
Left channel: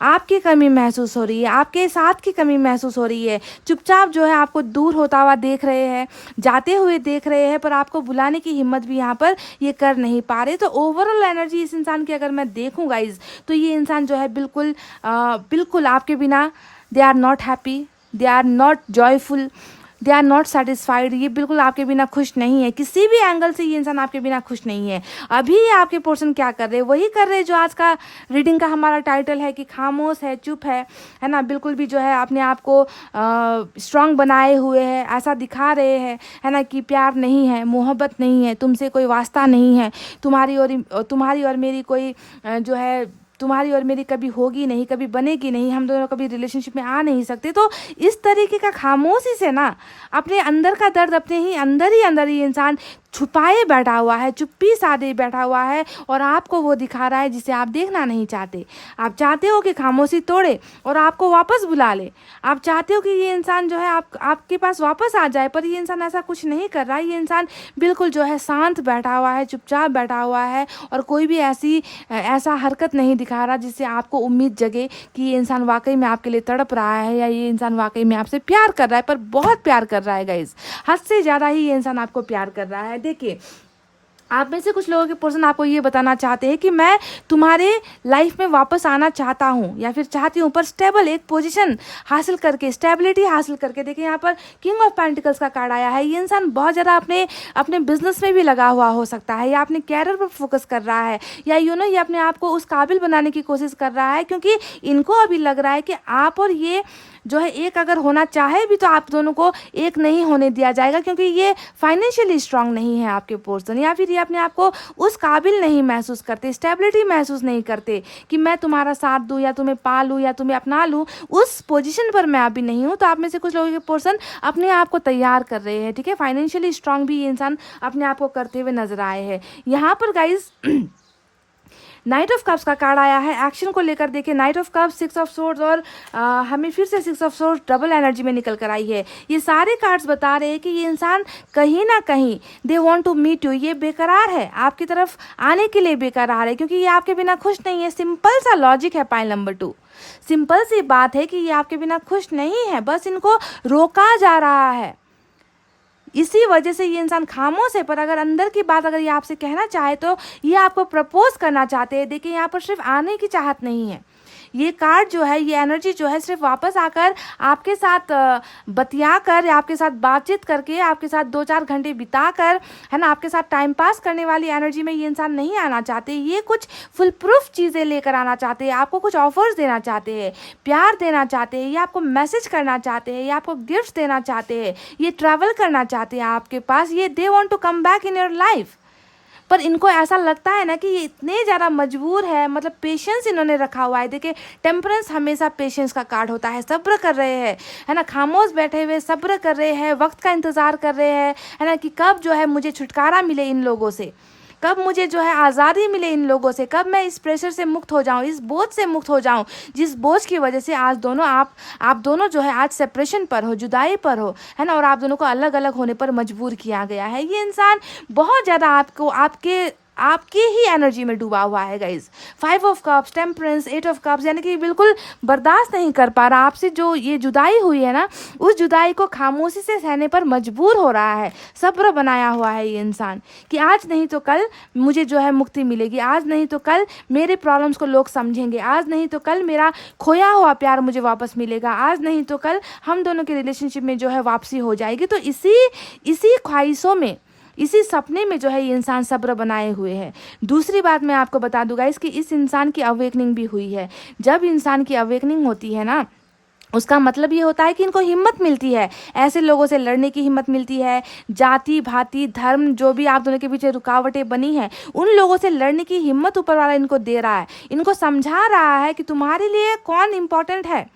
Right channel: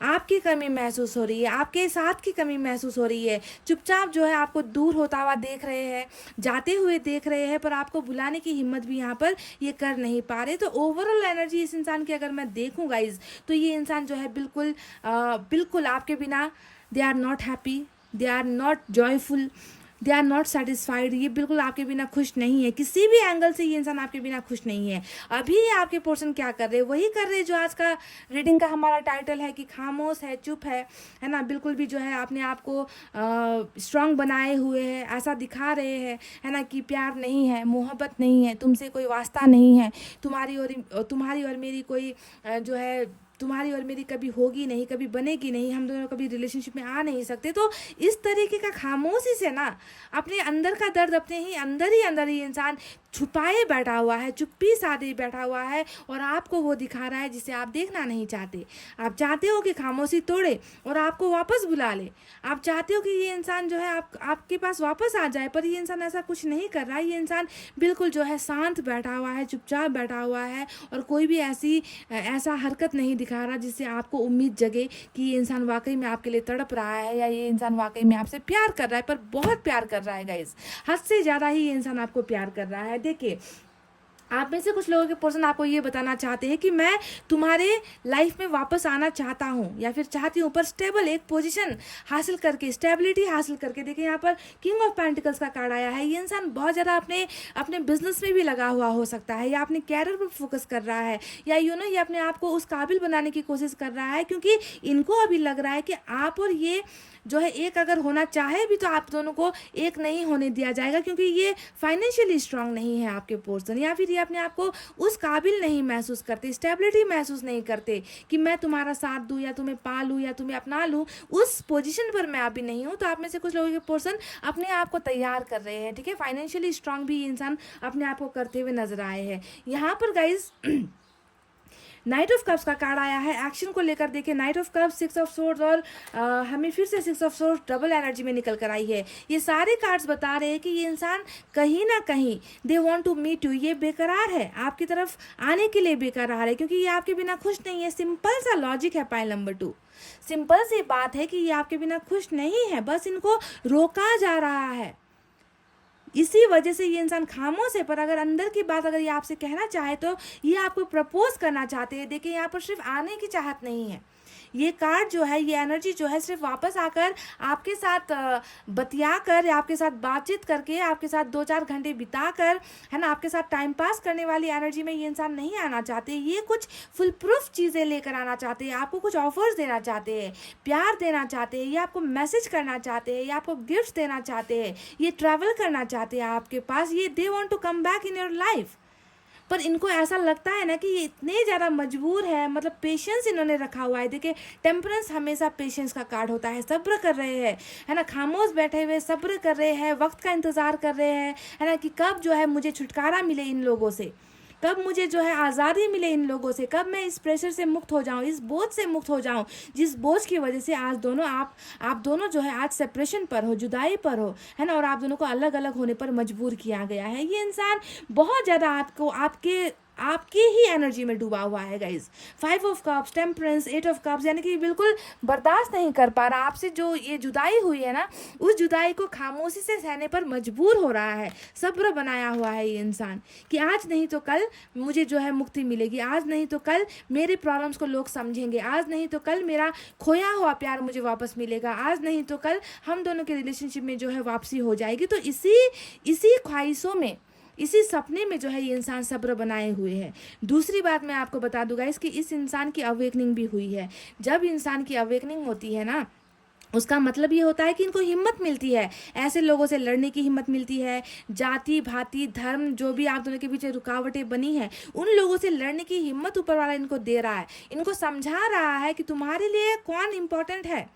आपकी कमी महसूस हो रही है, आपके साथ की कमी महसूस हो रही है। चुपचाप जो है आपको दूर होता हुआ देख रहे हैं, जाते हुए देख रहे हैं, पर आपको बुलाने की हिम्मत भी यहाँ पर ये कर नहीं पा रहे। तो ओवरऑल एनर्जी इस इंसान की अगर मैं देखूँ गाइज, तो ये इंसान जो है बिल्कुल आपके बिना they are not happy, they are not joyful, they are not satisfied. ये बिल्कुल आपके बिना खुश नहीं है, किसी भी एंगल से ये इंसान आपके बिना खुश नहीं है। अभी आपके पर्सन क्या कर रहे हैं, वही कर रहे हैं जो आज का रीडिंग का हमारा टाइटल है कि खामोश है, चुप है ना, बिल्कुल भी जो है अपने आप को स्ट्रांग बनाए हुए है, ऐसा दिखा रहे हैं, है ना, कि प्यार नहीं है, मोहब्बत नहीं है, तुमसे कोई वास्ता नहीं है, तुम्हारी और मेरी कोई जो है तुम्हारी और मेरी कभी होगी नहीं, कभी बनेगी नहीं, हम दोनों कभी रिलेशनशिप में आ नहीं सकते। तो इस तरीके का खामोशी से ना अपने अंदर का दर्द अपने ही अंदर ही इंसान छुपाए बैठा हुआ है, चुप्पी साधे बैठा हुआ है, और आपको वो दिखा रहा है जिसे आप देखना नहीं चाहते। आप चाहते हो कि खामोशी तोड़े और आपको वापस बुला ले, आप चाहते हो कि ये इंसान जो है आपके पास वापस आ जाए, पर ये इंसान ऐसा कुछ नहीं कर रहा है। ये इंसान बिल्कुल जो है शांत बैठा हुआ है, चुपचाप बैठा हुआ है, और कोई भी ऐसा हरकत नहीं दिखा रहा जिससे आपको उम्मीद जगे कि ये इंसान वाकई में आपके लिए तड़प रहा है, या ये इंसान वाकई में आपसे प्यार कर रहा है, पर बहुत प्यार कर रहा है गाइस, हद से ज़्यादा ही ये इंसान आपको प्यार कर रहा है। देखिए, आप में से कुछ लोगों के पर्सन आपको ये बताना चाहते हैं कि मैं तुम्हारे लाइफ में वापस आना चाहता हूँ या फिर चाहती हूँ, पर स्टेबल एक पोजीशन हासिल करके, स्टेबिलिटी हासिल करके। देखिए यहाँ पर किंग ऑफ पेंटिकल्स का कार्ड आया है। ये इंसान बहुत ज़्यादा अपने बिजनेस में भी लगा हुआ हो सकता है, या अपने कैरियर पर फोकस कर रहा है, या ये अपने आप को उस काबिल बनाने की कोशिश कर रहा है, क्योंकि इनको अभी लग रहा है कि आप और ये जो है एक अगर होना चाहे भी तो आप दोनों को एक नहीं होने दिया जाएगा, क्योंकि ये फाइनेंशियली स्ट्रांग नहीं है आपके पर्सन, या फिर ये अपने आप को उस काबिल नहीं महसूस करते, स्टेबिलिटी महसूस नहीं करते कि मैं तुम्हारा साथ दूँ या तुम्हें पालूँ या तुम्हें अपना लूँ, उस पोजीशन पर मैं अभी नहीं हूँ। तो आप में से कुछ लोगों के पर्सन अपने आप को तैयार कर रहे हैं, ठीक है। फाइनेंशियली स्ट्रांग भी ये इंसान अपने आप को करते हुए नजर आए हैं। यहाँ पर गाइज नाइट ऑफ कप्स का कार्ड आया है। एक्शन को लेकर देखिए, night of cups, 6 of swords और हमें फिर से 6 ऑफ सोर्ड्स डबल एनर्जी में निकल कर आई है। ये सारे कार्ड्स बता रहे हैं कि ये इंसान कहीं ना कहीं they want to meet you, ये बेकरार है, आपकी तरफ आने के लिए बेकरार है, क्योंकि ये आपके बिना खुश नहीं है। सिंपल सा लॉजिक है पाइल नंबर 2, सिंपल सी बात है कि ये आपके बिना खुश नहीं है, बस इनको रोका जा रहा है। इसी वजह से ये इंसान खामोश है, पर अगर अंदर की बात अगर ये आपसे कहना चाहे तो ये आपको प्रपोज करना चाहते हैं। देखिए यहाँ पर सिर्फ आने की चाहत नहीं है, ये कार्ड जो है, ये एनर्जी जो है, सिर्फ वापस आकर आपके साथ बतिया कर, आपके साथ बातचीत करके, आपके साथ 2-4 घंटे बिता कर, है ना, आपके साथ टाइम पास करने वाली एनर्जी में ये इंसान नहीं आना चाहते। ये कुछ फुल प्रूफ चीज़ें लेकर आना चाहते हैं, आपको कुछ ऑफर्स देना चाहते हैं, प्यार देना चाहते हैं, ये आपको मैसेज करना चाहते हैं, ये आपको गिफ्ट देना चाहते हैं, ये ट्रैवल करना चाहते हैं आपके पास, ये they want to come back in your life. पर इनको ऐसा लगता है ना कि ये इतने ज़्यादा मजबूर है, मतलब पेशेंस इन्होंने रखा हुआ है। देखिए टेम्परेंस हमेशा पेशेंस का कार्ड होता है, सब्र कर रहे हैं, है ना, खामोश बैठे हुए सब्र कर रहे हैं, वक्त का इंतज़ार कर रहे हैं, है ना, कि कब जो है मुझे छुटकारा मिले इन लोगों से, कब मुझे जो है आज़ादी मिले इन लोगों से, कब मैं इस प्रेशर से मुक्त हो जाऊं, इस बोझ से मुक्त हो जाऊं, जिस बोझ की वजह से आज दोनों आप दोनों जो है आज सेपरेशन पर हो, जुदाई पर हो, है ना, और आप दोनों को अलग अलग होने पर मजबूर किया गया है। ये इंसान बहुत ज़्यादा आपको आपकी ही एनर्जी में डूबा हुआ है guys. 5 of cups, temperance, 8 of cups, यानी कि बिल्कुल बर्दाश्त नहीं कर पा रहा आपसे जो ये जुदाई हुई है ना, उस जुदाई को खामोशी से सहने पर मजबूर हो रहा है। सब्र बनाया हुआ है ये इंसान कि आज नहीं तो कल मुझे जो है मुक्ति मिलेगी, आज नहीं तो कल मेरे प्रॉब्लम्स को लोग समझेंगे, आज नहीं तो कल मेरा खोया हुआ प्यार मुझे वापस मिलेगा, आज नहीं तो कल हम दोनों के रिलेशनशिप में जो है वापसी हो जाएगी। तो इसी ख्वाहिशों में, इसी सपने में जो है ये इंसान सब्र बनाए हुए है। दूसरी बात मैं आपको बता दूंगा इसकी, इस इंसान की अवेकनिंग भी हुई है। जब इंसान की अवेकनिंग होती है ना, उसका मतलब ये होता है कि इनको हिम्मत मिलती है, ऐसे लोगों से लड़ने की हिम्मत मिलती है। जाति भांति धर्म जो भी आप दोनों के पीछे रुकावटें बनी हैं, उन लोगों से लड़ने की हिम्मत ऊपर वाला इनको दे रहा है, इनको समझा रहा है कि तुम्हारे लिए कौन इम्पोर्टेंट है,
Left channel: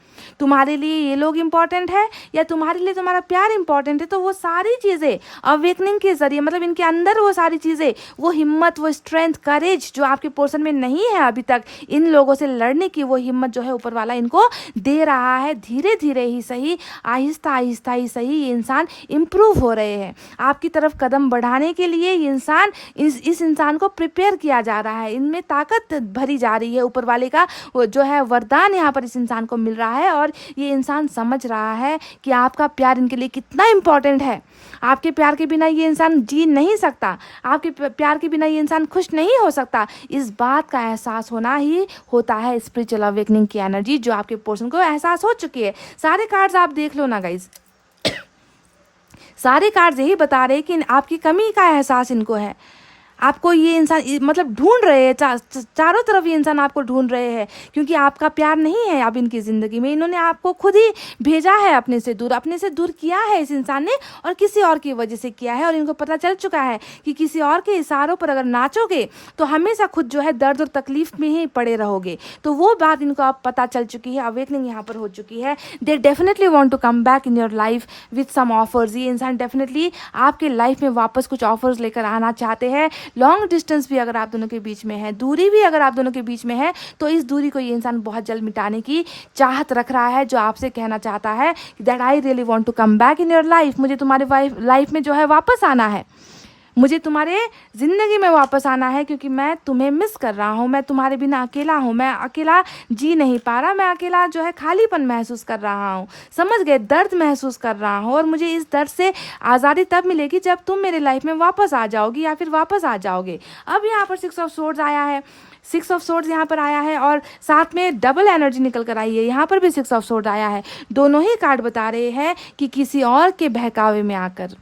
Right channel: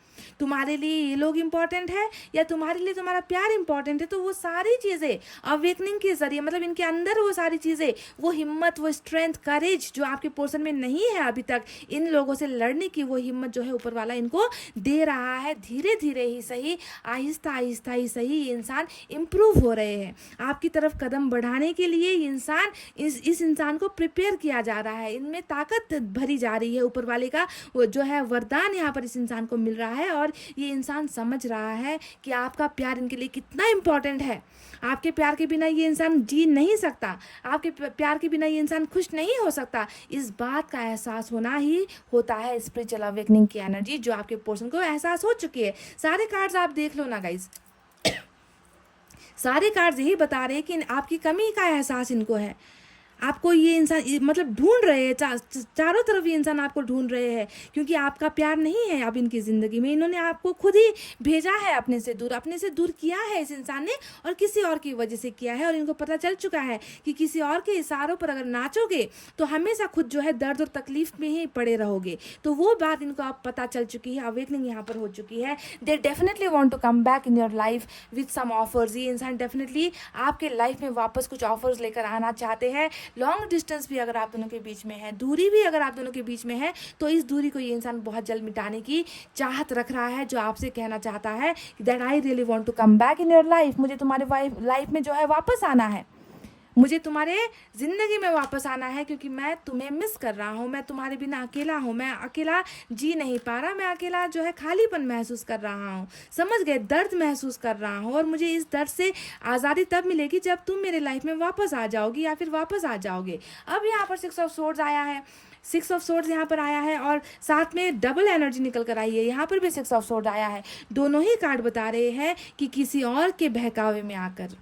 तुम्हारे लिए ये लोग इम्पॉर्टेंट है या तुम्हारे लिए तुम्हारा प्यार इम्पॉर्टेंट है। तो वो सारी चीज़ें अवेकनिंग के जरिए, मतलब इनके अंदर वो सारी चीज़ें, वो हिम्मत, वो स्ट्रेंथ, करेज जो आपके पोर्शन में नहीं है अभी तक, इन लोगों से लड़ने की वो हिम्मत जो है ऊपर वाला इनको दे रहा है। धीरे धीरे ही सही, आहिस्ता आहिस्ता ही सही, ये इंसान इम्प्रूव हो रहे हैं। आपकी तरफ कदम बढ़ाने के लिए ये इंसान, इस इंसान को प्रिपेयर किया जा रहा है, इनमें ताकत भरी जा रही है। ऊपर वाले का वो जो है वरदान यहाँ पर इस इंसान को मिल रहा है, और ये इंसान समझ रहा है कि आपका प्यार इनके लिए कितना इम्पोर्टेंट है। आपके प्यार के बिना ये इंसान जी नहीं सकता, आपके प्यार के बिना ये इंसान खुश नहीं हो सकता। इस बात का एहसास होना ही होता है स्पिरिचुअल अवेकनिंग की एनर्जी, जो आपके पर्सन को एहसास हो चुकी है। सारे कार्ड्स आप देख लो ना गाइज, सारे कार्ड्स यही बता रहे हैं कि आपकी कमी का एहसास इनको है। आपको ये इंसान मतलब ढूंढ रहे हैं, चारों तरफ ये इंसान आपको ढूंढ रहे हैं, क्योंकि आपका प्यार नहीं है अब इनकी ज़िंदगी में। इन्होंने आपको खुद ही भेजा है अपने से दूर किया है इस इंसान ने, और किसी और की वजह से किया है। और इनको पता चल चुका है कि किसी और के इशारों पर अगर नाचोगे तो हमेशा खुद जो है दर्द और तकलीफ में ही पड़े रहोगे। तो वो बात इनको अब पता चल चुकी है, अवेकनिंग यहाँ पर हो चुकी है। They definitely want to come back in your life with some offers. ये इंसान डेफिनेटली आपके लाइफ में वापस कुछ ऑफर्स लेकर आना चाहते हैं। लॉन्ग डिस्टेंस भी अगर आप दोनों के बीच में है, दूरी भी अगर आप दोनों के बीच में है, तो इस दूरी को ये इंसान बहुत जल्द मिटाने की चाहत रख रहा है, जो आपसे कहना चाहता है that I really want to come back in your life. मुझे तुम्हारे लाइफ में जो है वापस आना है, मुझे तुम्हारे ज़िंदगी में वापस आना है, क्योंकि मैं तुम्हें मिस कर रहा हूँ, मैं तुम्हारे बिना अकेला हूँ, मैं अकेला जी नहीं पा रहा, मैं अकेला जो है खालीपन महसूस कर रहा हूँ, समझ गए, दर्द महसूस कर रहा हूँ। और मुझे इस दर्द से आज़ादी तब मिलेगी जब तुम मेरे लाइफ में वापस आ जाओगी या फिर वापस आ जाओगे। अब यहाँ पर 6 ऑफ सोर्ड्स आया है, 6 ऑफ सोर्ड्स यहाँ पर आया है, और साथ में डबल एनर्जी निकल कर आई है। यहाँ पर भी 6 ऑफ सोर्ड आया है। दोनों ही कार्ड बता रहे हैं कि किसी और के बहकावे में आकर,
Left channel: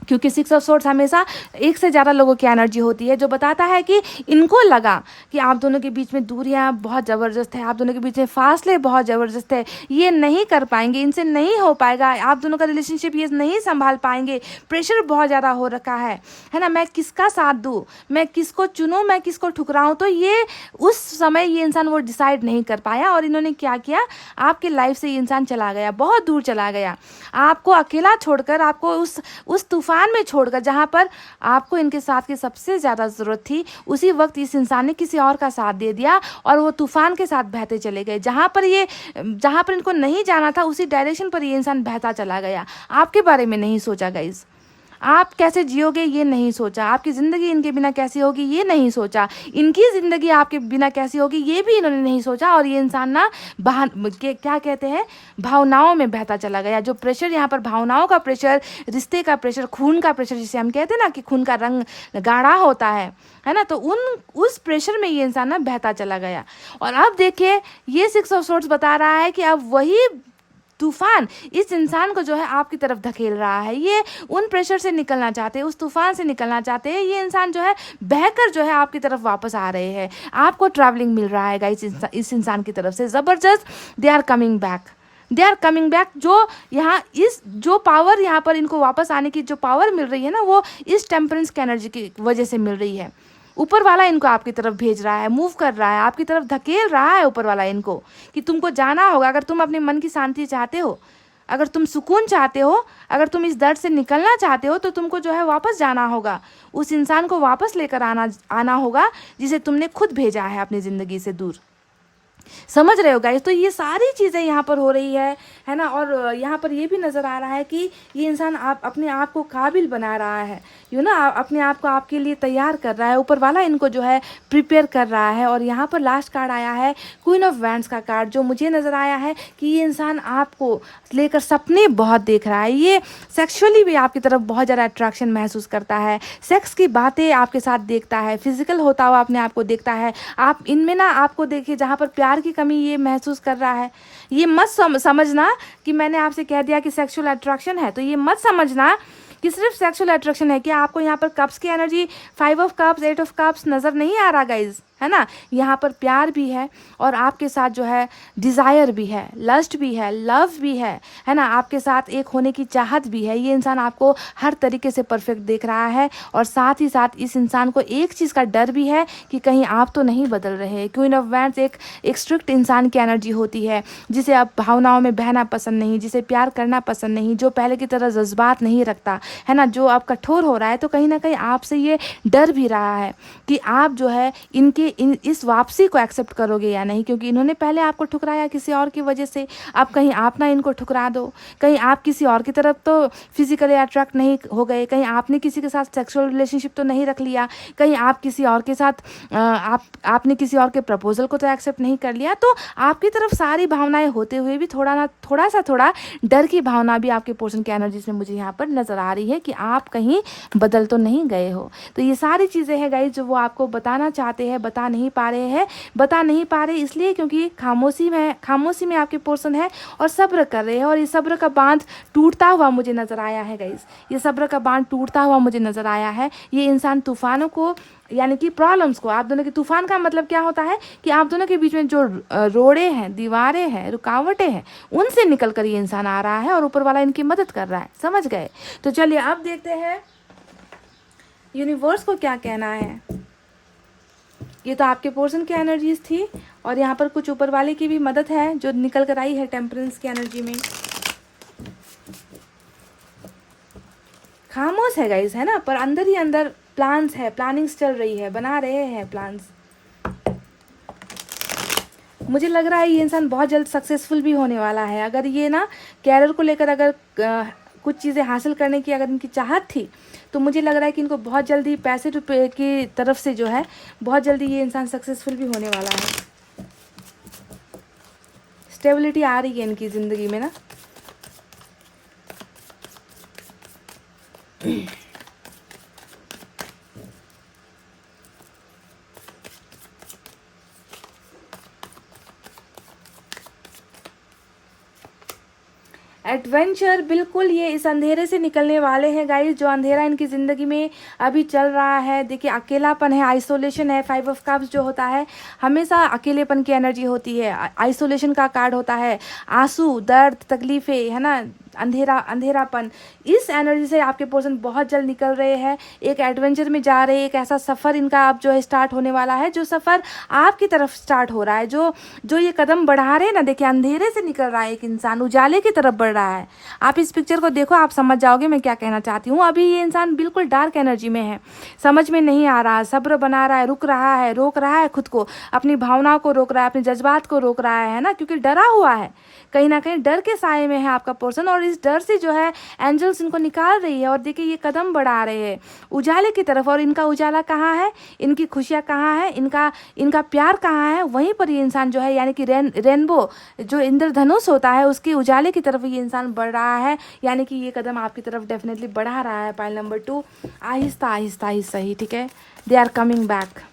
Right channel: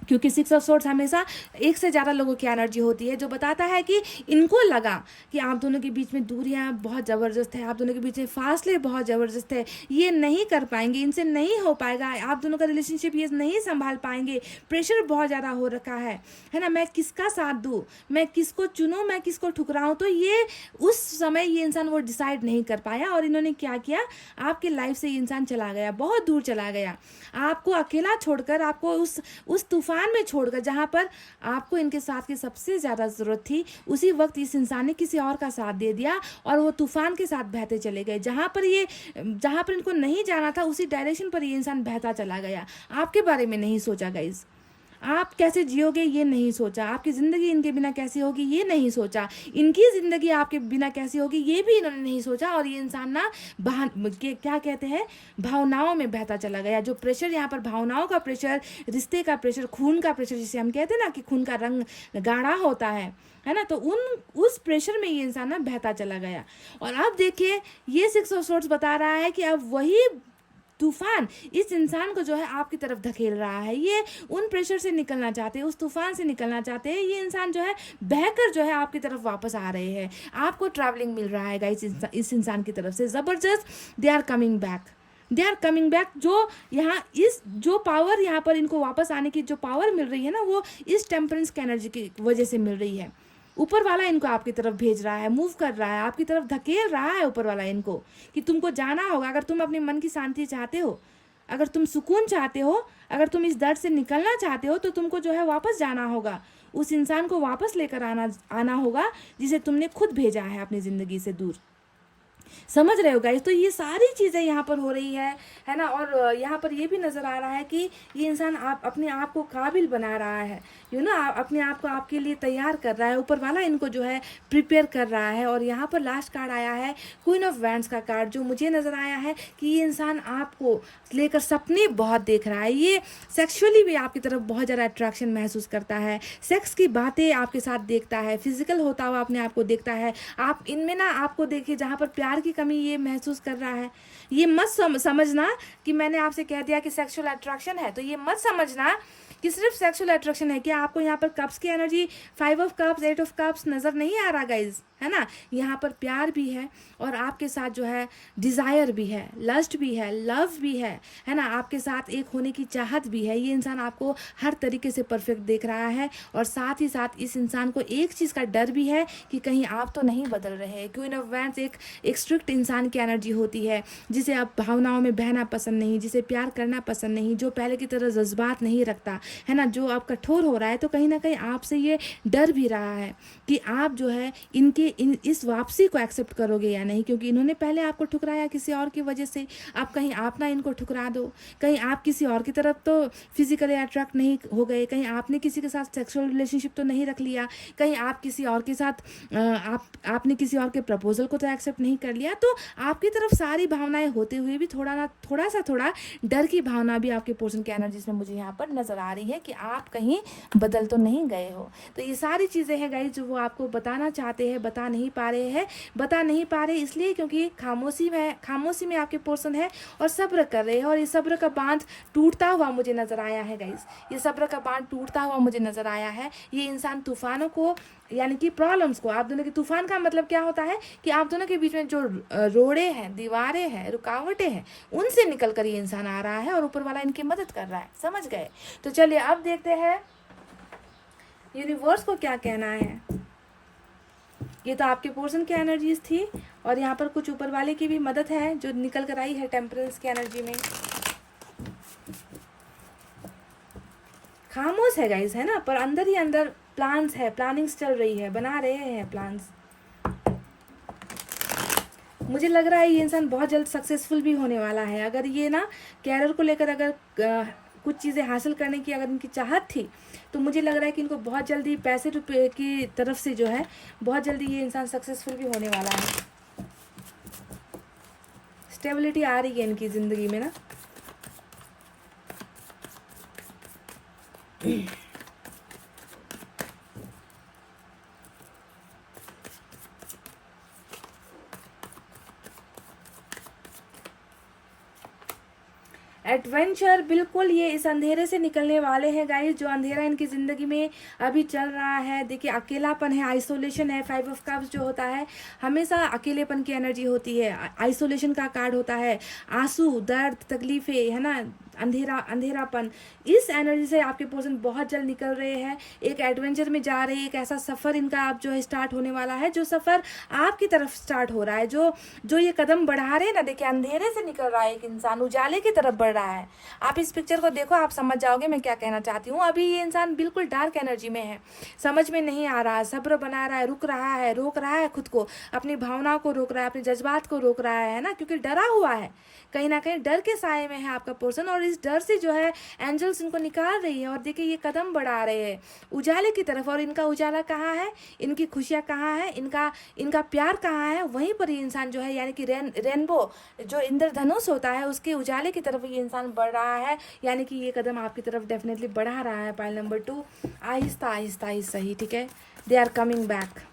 क्योंकि 6 ऑफ सोर्ड्स हमेशा एक से ज़्यादा लोगों की एनर्जी होती है, जो बताता है कि इनको लगा कि आप दोनों के बीच में दूरियां बहुत ज़बरदस्त है, आप दोनों के बीच में फासले बहुत ज़बरदस्त है, ये नहीं कर पाएंगे, इनसे नहीं हो पाएगा, आप दोनों का रिलेशनशिप ये नहीं संभाल पाएंगे, प्रेशर बहुत ज़्यादा हो रखा है ना, मैं किसका साथ दूँ, मैं किसको चुनूँ, मैं किसको ठुकराऊँ। तो ये उस समय ये इंसान वो डिसाइड नहीं कर पाया, और इन्होंने क्या किया, आपकी लाइफ से ये इंसान चला गया, बहुत दूर चला गया, आपको अकेला छोड़कर, आपको उस तूफान में छोड़कर, जहाँ पर आपको इनके साथ की सबसे ज़्यादा ज़रूरत थी, उसी वक्त इस इंसान ने किसी और का साथ दे दिया और वो तूफान के साथ बहते चले गए। जहाँ पर इनको नहीं जाना था, उसी डायरेक्शन पर ये इंसान बहता चला गया। आपके बारे में नहीं सोचा गाइज, आप कैसे जियोगे ये नहीं सोचा, आपकी ज़िंदगी इनके बिना कैसी होगी ये नहीं सोचा, इनकी ज़िंदगी आपके बिना कैसी होगी ये भी इन्होंने नहीं सोचा। और ये इंसान ना क्या कहते हैं, भावनाओं में बहता चला गया। जो प्रेशर यहाँ पर, भावनाओं का प्रेशर, रिश्ते का प्रेशर, खून का प्रेशर, जिसे हम कहते हैं ना कि खून का रंग गाढ़ा होता है ना, तो उस प्रेशर में ये इंसान ना बहता चला गया। और अब देखिए, ये 6 ऑफ सोर्ड्स बता रहा है कि अब वही तूफान इस इंसान को जो है आपकी तरफ धकेल रहा है। ये उन प्रेशर से निकलना चाहते हैं, उस तूफान से निकलना चाहते हैं। ये इंसान जो है बहकर जो है आपकी तरफ वापस आ रहे हैं, आपको ट्रैवलिंग मिल रहा है इस इंसान की तरफ से ज़बरदस्त। They are coming back, they are coming back. जो पावर यहाँ पर इनको वापस आने की जो पावर मिल रही है ना, वो इस टेम्परेंस की एनर्जी की वजह से मिल रही है। ऊपर वाला इनको आपकी तरफ भेज रहा है, मूव कर रहा है, आपकी तरफ धकेल रहा है ऊपर वाला इनको, कि तुमको जाना होगा। अगर तुम अपने मन की शांति चाहते हो, अगर तुम सुकून चाहते हो, अगर तुम इस दर्द से निकलना चाहते हो, तो तुमको जो है वापस जाना होगा, उस इंसान को वापस लेकर आना होगा जिसे तुमने खुद भेजा है अपनी ज़िंदगी से दूर। समझ रहे हो गाइस? तो ये सारी चीज़ें यहाँ पर हो रही है ना। और यहाँ पर ये भी नज़र आ रहा है कि ये इंसान अपने आप को काबिल बना रहा है, अपने आप को आपके लिए तैयार कर रहा है। ऊपर वाला इनको जो है प्रिपेयर कर रहा है। और यहाँ पर लास्ट कार्ड आया है क्वीन ऑफ वैंड्स का कार्ड, जो मुझे नज़र आया है कि ये इंसान आपको लेकर सपने बहुत देख रहा है। ये सेक्सुअली भी आपकी तरफ बहुत ज़्यादा अट्रैक्शन महसूस करता है, सेक्स की बातें आपके साथ देखता है, फिजिकल होता हुआ अपने आप को देखता है। आप इनमें ना, आपको देखिए, जहाँ पर प्यार की कमी ये महसूस कर रहा है, ये मत समझना कि मैंने आपसे कह दिया कि सेक्सुअल अट्रैक्शन है, तो ये मत समझना कि सिर्फ सेक्सुअल अट्रैक्शन है। कि आपको यहाँ पर कप्स की energy, 5 of cups, 8 of cups नज़र नहीं आ रहा गाइज, है ना। यहाँ पर प्यार भी है और आपके साथ जो है डिज़ायर भी है, लस्ट भी है, लव भी है ना। आपके साथ एक होने की चाहत भी है। ये इंसान आपको हर तरीके से परफेक्ट देख रहा है। और साथ ही साथ इस इंसान को एक चीज़ का डर भी है कि कहीं आप तो नहीं बदल रहे। क्वीन ऑफ वैंड्स एक स्ट्रिक्ट इंसान की एनर्जी होती है, जिसे अब भावनाओं में बहना पसंद नहीं, जिसे प्यार करना पसंद नहीं, जो पहले की तरह जज्बात नहीं रखता, है ना, जो अब कठोर हो रहा है। तो कहीं ना कहीं आपसे ये डर भी रहा है कि आप जो है इस वापसी को एक्सेप्ट करोगे या नहीं, क्योंकि इन्होंने पहले आपको ठुकराया किसी और की वजह से। अब कहीं आप ना इनको ठुकरा दो, कहीं आप किसी और की तरफ तो फिजिकली अट्रैक्ट नहीं हो गए, कहीं आपने किसी के साथ सेक्सुअल रिलेशनशिप तो नहीं रख लिया, कहीं आप किसी और के साथ आपने किसी और के प्रपोजल को तो एक्सेप्ट नहीं कर लिया। तो आपकी तरफ सारी भावनाएं होते हुए भी थोड़ा डर की भावना भी आपके पोर्शन की एनर्जी में मुझे यहाँ पर नज़र आ रही है कि आप कहीं बदल तो नहीं गए हो। तो ये सारी चीज़ें हैं गाइस जो वो आपको बताना चाहते हैं, बता नहीं पा रहे इसलिए क्योंकि खामोशी में आपके पोर्शन है और सब्र कर रहे हैं। और ये सब्र का बांध टूटता हुआ मुझे नज़र आया है गाइस, ये सब्र का बांध टूटता हुआ मुझे नज़र आया है। ये इंसान तूफानों को, यानी कि प्रॉब्लम्स को, आप दोनों के तूफान का मतलब क्या होता है कि आप दोनों के बीच में जो रोड़े हैं, दीवारें हैं, रुकावटें हैं, उनसे निकल कर ये इंसान आ रहा है और ऊपर वाला इनकी मदद कर रहा है। समझ गए? तो चलिए अब देखते हैं यूनिवर्स को क्या कहना है। ये तो आपके पोर्शन की एनर्जीज थी और यहाँ पर कुछ ऊपर वाले की भी मदद है जो निकल कर आई है टेम्परेंस की एनर्जी में। खामोश है गाइस, है ना, पर अंदर ही अंदर प्लान्स है, प्लानिंग्स चल रही है, बना रहे हैं प्लान्स। मुझे लग रहा है ये इंसान बहुत जल्द सक्सेसफुल भी होने वाला है। अगर ये ना कैरियर को लेकर अगर कुछ चीज़ें हासिल करने की अगर इनकी चाहत थी, तो मुझे लग रहा है कि इनको बहुत जल्दी पैसे रुपए की तरफ से जो है बहुत जल्दी ये इंसान सक्सेसफुल भी होने वाला है। स्टेबिलिटी आ रही है इनकी ज़िंदगी में ना। एडवेंचर, बिल्कुल ये इस अंधेरे से निकलने वाले हैं गाइस। जो अंधेरा इनकी ज़िंदगी में अभी चल रहा है, देखिए अकेलापन है, आइसोलेशन है। 5 ऑफ कप्स जो होता है हमेशा अकेलेपन की एनर्जी होती है, आइसोलेशन का कार्ड होता है, आंसू, दर्द, तकलीफ़ें, है ना, अंधेरापन। इस एनर्जी से आपके पर्सन बहुत जल्द निकल रहे हैं, एक एडवेंचर में जा रहे हैं। एक ऐसा सफ़र इनका आप जो है स्टार्ट होने वाला है, जो सफ़र आपकी तरफ स्टार्ट हो रहा है। जो जो ये कदम बढ़ा रहे हैं ना, देखिए अंधेरे से निकल रहा है एक इंसान, उजाले की तरफ बढ़ रहा है। आप इस पिक्चर को देखो, आप समझ जाओगे मैं क्या कहना चाहती हूँ। अभी ये इंसान बिल्कुल डार्क एनर्जी में है, समझ में नहीं आ रहा, सब्र बना रहा है, रुक रहा है, रोक रहा है खुद को, अपनी भावनाओं को रोक रहा है, अपने जज्बात को रोक रहा है ना, क्योंकि डरा हुआ है, कहीं ना कहीं डर के साए में है आपका पर्सन। और इस डर से जो है एंजल्स इनको निकाल रही है। और देखिए ये कदम बढ़ा रहे हैं उजाले की तरफ। और इनका उजाला कहाँ है, इनकी खुशियाँ कहाँ है, इनका इनका प्यार कहाँ है, वहीं पर ये इंसान जो है, यानी कि रेनबो जो इंद्रधनुष होता है उसके उजाले की तरफ ये इंसान बढ़ रहा है। यानी कि ये कदम आपकी तरफ डेफिनेटली बढ़ा रहा है। पाइल नंबर 2, आहिस्ता आहिस्ता आहिस्ता ही, ठीक है, दे आर कमिंग बैक।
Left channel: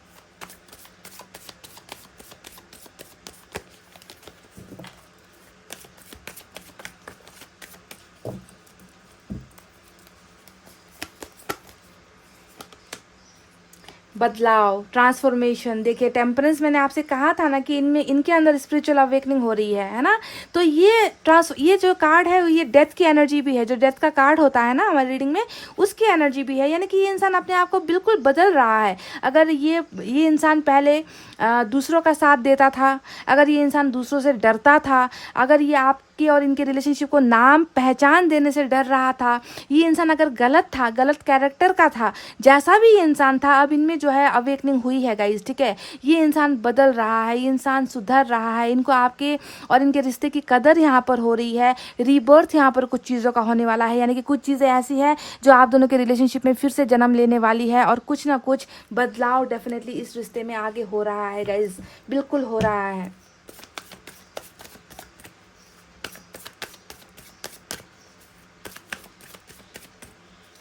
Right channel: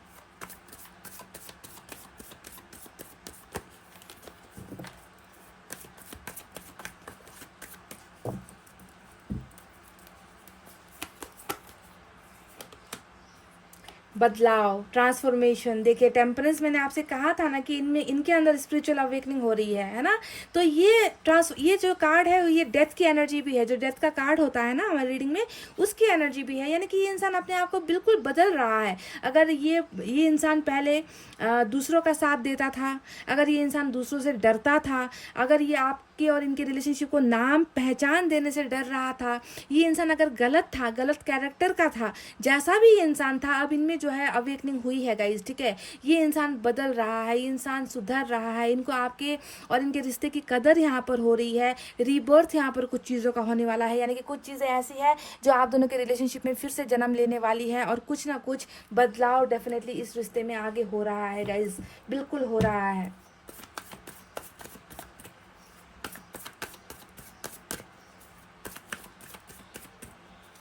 बदलाव, ट्रांसफॉर्मेशन। देखिए टेम्परेंस, मैंने आपसे कहा था ना कि इनमें, इनके अंदर स्पिरिचुअल अवेकनिंग हो रही है ना। तो ये जो कार्ड है ये डेथ की एनर्जी भी है, जो डेथ का कार्ड होता है ना हमारी रीडिंग में, उसकी एनर्जी भी है। यानी कि ये इंसान अपने आप को बिल्कुल बदल रहा है। अगर ये इंसान पहले दूसरों का साथ देता था, अगर ये इंसान दूसरों से डरता था, अगर ये आपके और इनके रिलेशनशिप को नाम पहचान देने से डर रहा था, ये इंसान अगर गलत था, गलत कैरेक्टर का था, जैसा भी ये इंसान था, अब इनमें जो है अवेकनिंग हुई है गाइस, ठीक है। ये इंसान बदल रहा है, ये इंसान सुधर रहा है, इनको आपके और इनके रिश्ते की कदर यहाँ पर हो रही है। रीबर्थ यहाँ पर कुछ चीज़ों का होने वाला है, यानी कि कुछ चीज़ें ऐसी हैं जो आप दोनों के रिलेशनशिप में फिर से जन्म लेने वाली है। और कुछ ना कुछ बदलाव डेफिनेटली इस रिश्ते में आगे हो रहा है गाइस, बिल्कुल हो रहा है।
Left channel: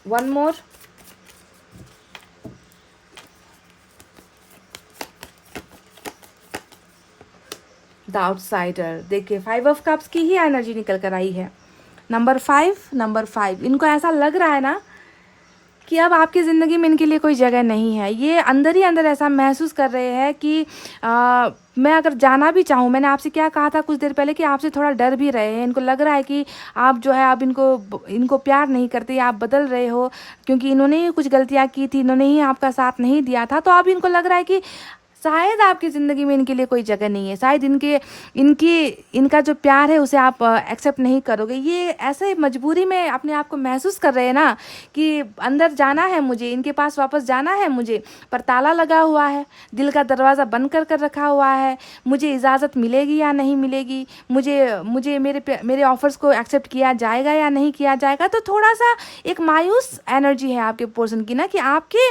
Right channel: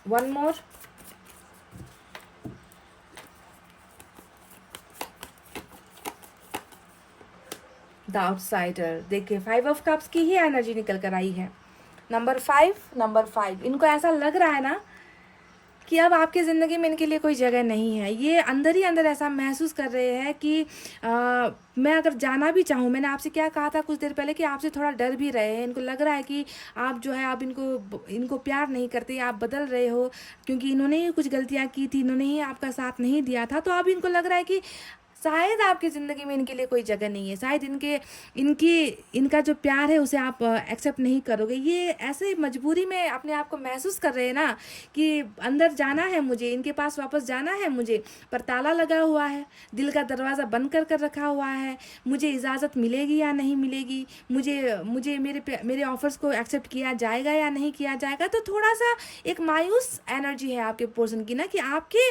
One more, the outsider. देखिए 5 ऑफ कप्स की ही एनर्जी निकल कर आई है। नंबर 5, इनको ऐसा लग रहा है ना कि अब आपकी ज़िंदगी में इनके लिए कोई जगह नहीं है। ये अंदर ही अंदर ऐसा महसूस कर रहे हैं कि मैं अगर जाना भी चाहूँ, मैंने आपसे क्या कहा था कुछ देर पहले कि आपसे थोड़ा डर भी रहे हैं। इनको लग रहा है कि आप जो है अब इनको प्यार नहीं करते, आप बदल रहे हो, क्योंकि इन्होंने ही कुछ गलतियाँ की थी, इन्होंने ही आपका साथ नहीं दिया था। तो अब इनको लग रहा है कि शायद आपकी ज़िंदगी में इनके लिए कोई जगह नहीं है, शायद इनका जो प्यार है उसे आप एक्सेप्ट नहीं करोगे। ये ऐसे मजबूरी में अपने आप को महसूस कर रहे हैं ना कि अंदर जाना है मुझे, इनके पास वापस जाना है मुझे, पर ताला लगा हुआ है, दिल का दरवाज़ा बंद कर रखा हुआ है। मुझे इजाज़त मिलेगी या नहीं मिलेगी, मुझे मेरे ऑफर्स को एक्सेप्ट किया जाएगा या नहीं किया जाएगा। तो थोड़ा सा एक मायूस एनर्जी है आपके पर्सन की ना, कि आपके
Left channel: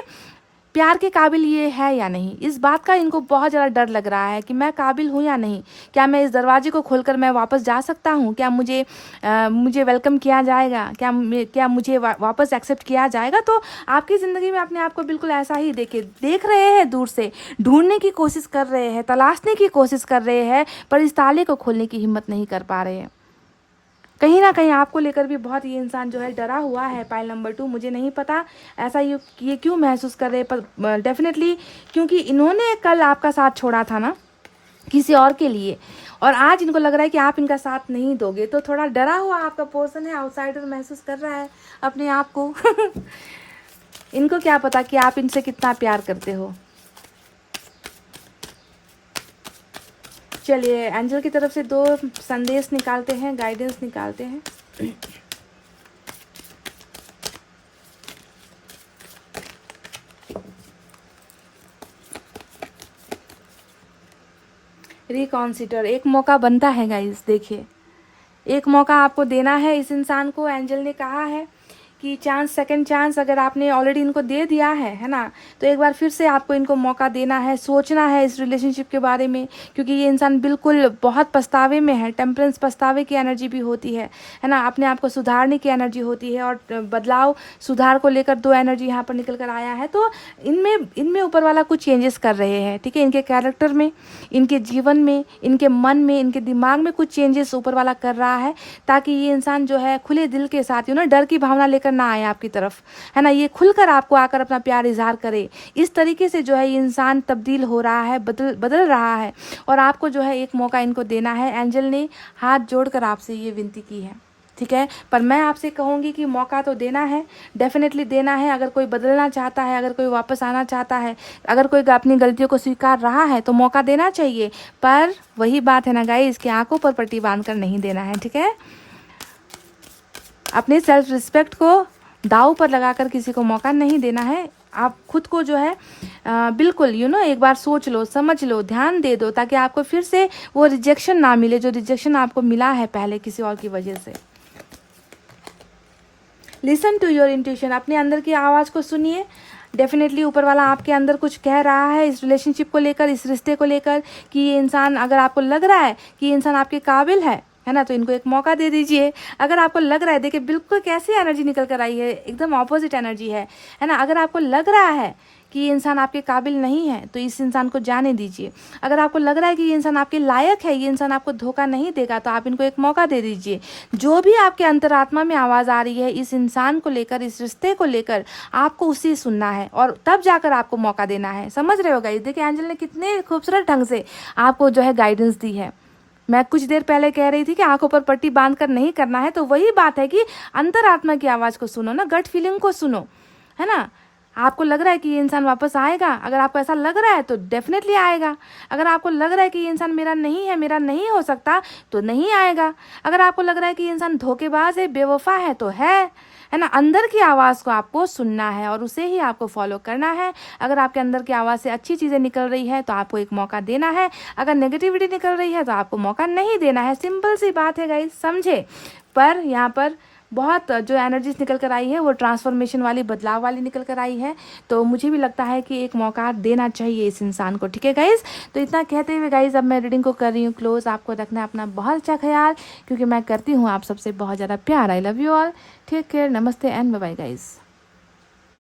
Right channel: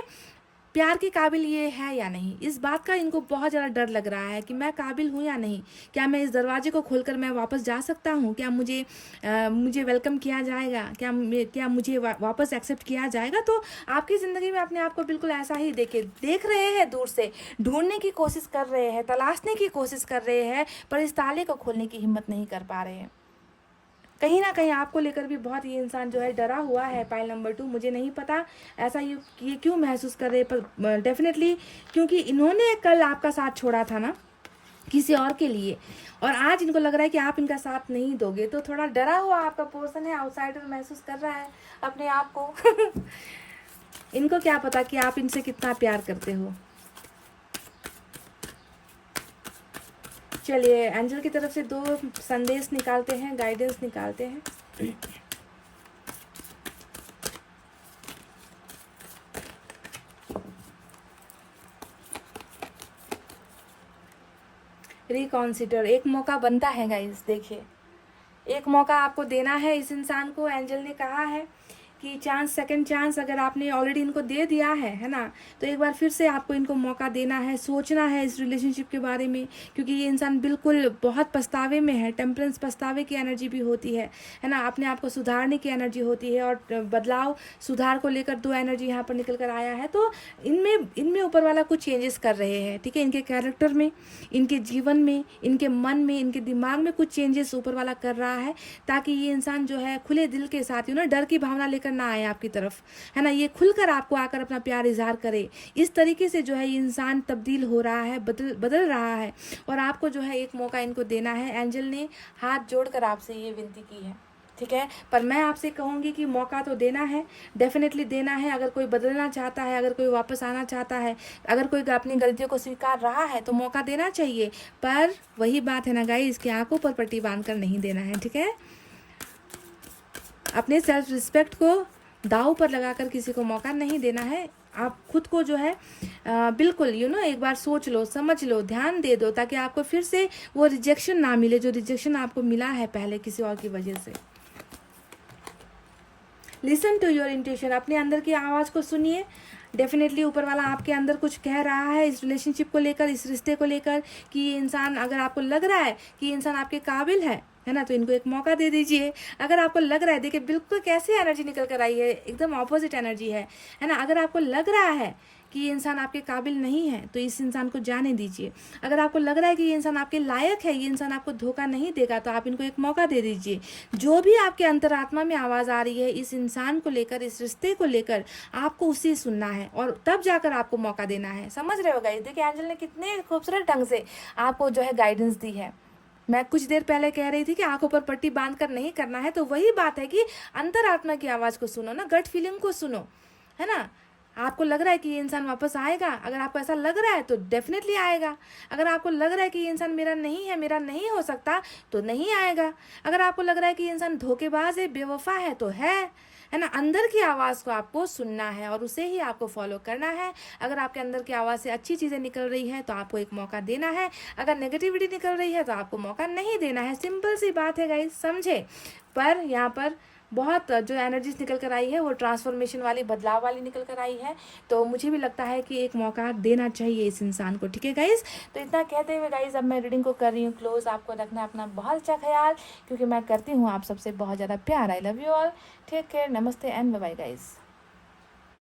प्यार के काबिल ये है या नहीं। इस बात का इनको बहुत ज़्यादा डर लग रहा है कि मैं काबिल हूँ या नहीं, क्या मैं इस दरवाजे को खोलकर मैं वापस जा सकता हूँ, क्या मुझे वेलकम किया जाएगा, क्या मुझे वापस एक्सेप्ट किया जाएगा। तो आपकी ज़िंदगी में अपने आप को बिल्कुल ऐसा ही देख रहे हैं, दूर से ढूंढने की कोशिश कर रहे हैं, तलाशने की कोशिश कर रहे हैं, पर इस ताले को खोलने की हिम्मत नहीं कर पा रहे हैं। कहीं ना कहीं आपको लेकर भी बहुत ये इंसान जो है डरा हुआ है। पाइल नंबर 2, मुझे नहीं पता ऐसा ये क्यों महसूस कर रहे हैं, पर डेफिनेटली क्योंकि इन्होंने कल आपका साथ छोड़ा था ना किसी और के लिए, और आज इनको लग रहा है कि आप इनका साथ नहीं दोगे। तो थोड़ा डरा हुआ आपका पर्सन है, आउटसाइडर महसूस कर रहा है अपने आप को। इनको क्या पता कि आप इनसे कितना प्यार करते हो। चलिए एंजल की तरफ से 2 संदेश निकालते हैं, गाइडेंस निकालते हैं। रिकॉन्सिडर, एक मौका बनता है गाइस। देखिए एक मौका आपको देना है इस इंसान को। एंजल ने कहा है कि चांस, सेकंड चांस अगर आपने ऑलरेडी इनको दे दिया है ना, तो एक बार फिर से आपको इनको मौका देना है, सोचना है इस रिलेशनशिप के बारे में, क्योंकि ये इंसान बिल्कुल बहुत पछतावे में है। टेम्परेंस पछतावे की एनर्जी भी होती है ना, अपने आप को सुधारने की एनर्जी होती है, और बदलाव सुधार को लेकर 2 एनर्जी यहाँ पर निकल कर आया है। तो इनमें ऊपर वाला कुछ चेंजेस कर रहे हैं, ठीक है। इनके कैरेक्टर में, इनके जीवन में, इनके मन में, इनके दिमाग में कुछ चेंजेस ऊपर वाला कर रहा है, ताकि ये इंसान जो है खुले दिल के साथ डर की भावना लेकर ना आए आपकी तरफ, है ना। ये खुलकर आपको आकर अपना प्यार इजहार करे। इस तरीके से जो है ये इंसान तब्दील हो रहा है, बदल रहा है, और आपको जो है एक मौका इनको देना है। एंजल ने हाथ जोड़कर आपसे ये विनती की है, ठीक है। पर मैं आपसे कहूँगी कि मौका तो देना है, डेफिनेटली देना है। अगर कोई बदलना चाहता है, अगर कोई वापस आना चाहता है, अगर कोई अपनी गलतियों को स्वीकार रहा है, तो मौका देना चाहिए। पर वही बात है ना गाइस, कि आंखों पर पट्टी बांध कर नहीं देना है, ठीक है। अपने सेल्फ रिस्पेक्ट को दांव पर लगाकर किसी को मौका नहीं देना है। आप खुद को जो है बिल्कुल एक बार सोच लो, समझ लो, ध्यान दे दो, ताकि आपको फिर से वो रिजेक्शन ना मिले जो रिजेक्शन आपको मिला है पहले किसी और की वजह से। लिसन टू योर इंट्यूशन, अपने अंदर की आवाज़ को सुनिए। डेफिनेटली ऊपर वाला आपके अंदर कुछ कह रहा है इस रिलेशनशिप को लेकर, इस रिश्ते को लेकर, कि ये इंसान, अगर आपको लग रहा है कि ये इंसान आपके काबिल है ना, तो इनको एक मौका दे दीजिए। अगर आपको लग रहा है, देखिए बिल्कुल कैसी एनर्जी निकल कर आई है, एकदम ऑपोजिट एनर्जी है ना। अगर आपको लग रहा है कि ये इंसान आपके काबिल नहीं है, तो इस इंसान को जाने दीजिए। अगर आपको लग रहा है कि ये इंसान आपके लायक है, ये इंसान आपको धोखा नहीं देगा, तो आप इनको एक मौका दे दीजिए। जो भी आपके अंतरात्मा में आवाज़ आ रही है इस इंसान को लेकर, इस रिश्ते को लेकर, आपको उसे सुनना है, और तब जाकर आपको मौका देना है। समझ रहे हो गाइस? देखिए एंजल ने कितने खूबसूरत ढंग से आपको जो है गाइडेंस दी है। मैं कुछ देर पहले कह रही थी कि आंखों पर पट्टी बांध कर नहीं करना है, तो वही बात है कि अंतरात्मा की आवाज़ को सुनो ना, गट फीलिंग को सुनो, है ना। आपको लग रहा है कि ये इंसान वापस आएगा, अगर आपको ऐसा लग रहा है तो डेफिनेटली आएगा। अगर आपको लग रहा है कि ये इंसान मेरा नहीं है, मेरा नहीं हो सकता, तो नहीं आएगा। अगर आपको लग रहा है कि ये इंसान धोखेबाज है, बेवफा है, तो है ना। अंदर की आवाज़ को आपको सुनना है और उसे ही आपको फॉलो करना है। अगर आपके अंदर की आवाज़ से अच्छी चीज़ें निकल रही है तो आपको एक मौका देना है, अगर नेगेटिविटी निकल रही है तो आपको मौका नहीं देना है। सिंपल सी बात है गाइस, समझे। पर यहाँ पर बहुत जो एनर्जीज निकल कर आई है वो ट्रांसफॉर्मेशन वाली, बदलाव वाली निकल कर आई है। तो मुझे भी लगता है कि एक मौका देना चाहिए इस इंसान को, ठीक है गाइज। तो इतना कहते हुए गाइज अब मैं रीडिंग को कर रही हूँ क्लोज। आपको रखना है अपना बहुत अच्छा ख्याल, क्योंकि मैं करती हूँ आप सबसे बहुत ज़्यादा प्यार। I love you all, take care, नमस्ते एंड बाय बाय गाइज।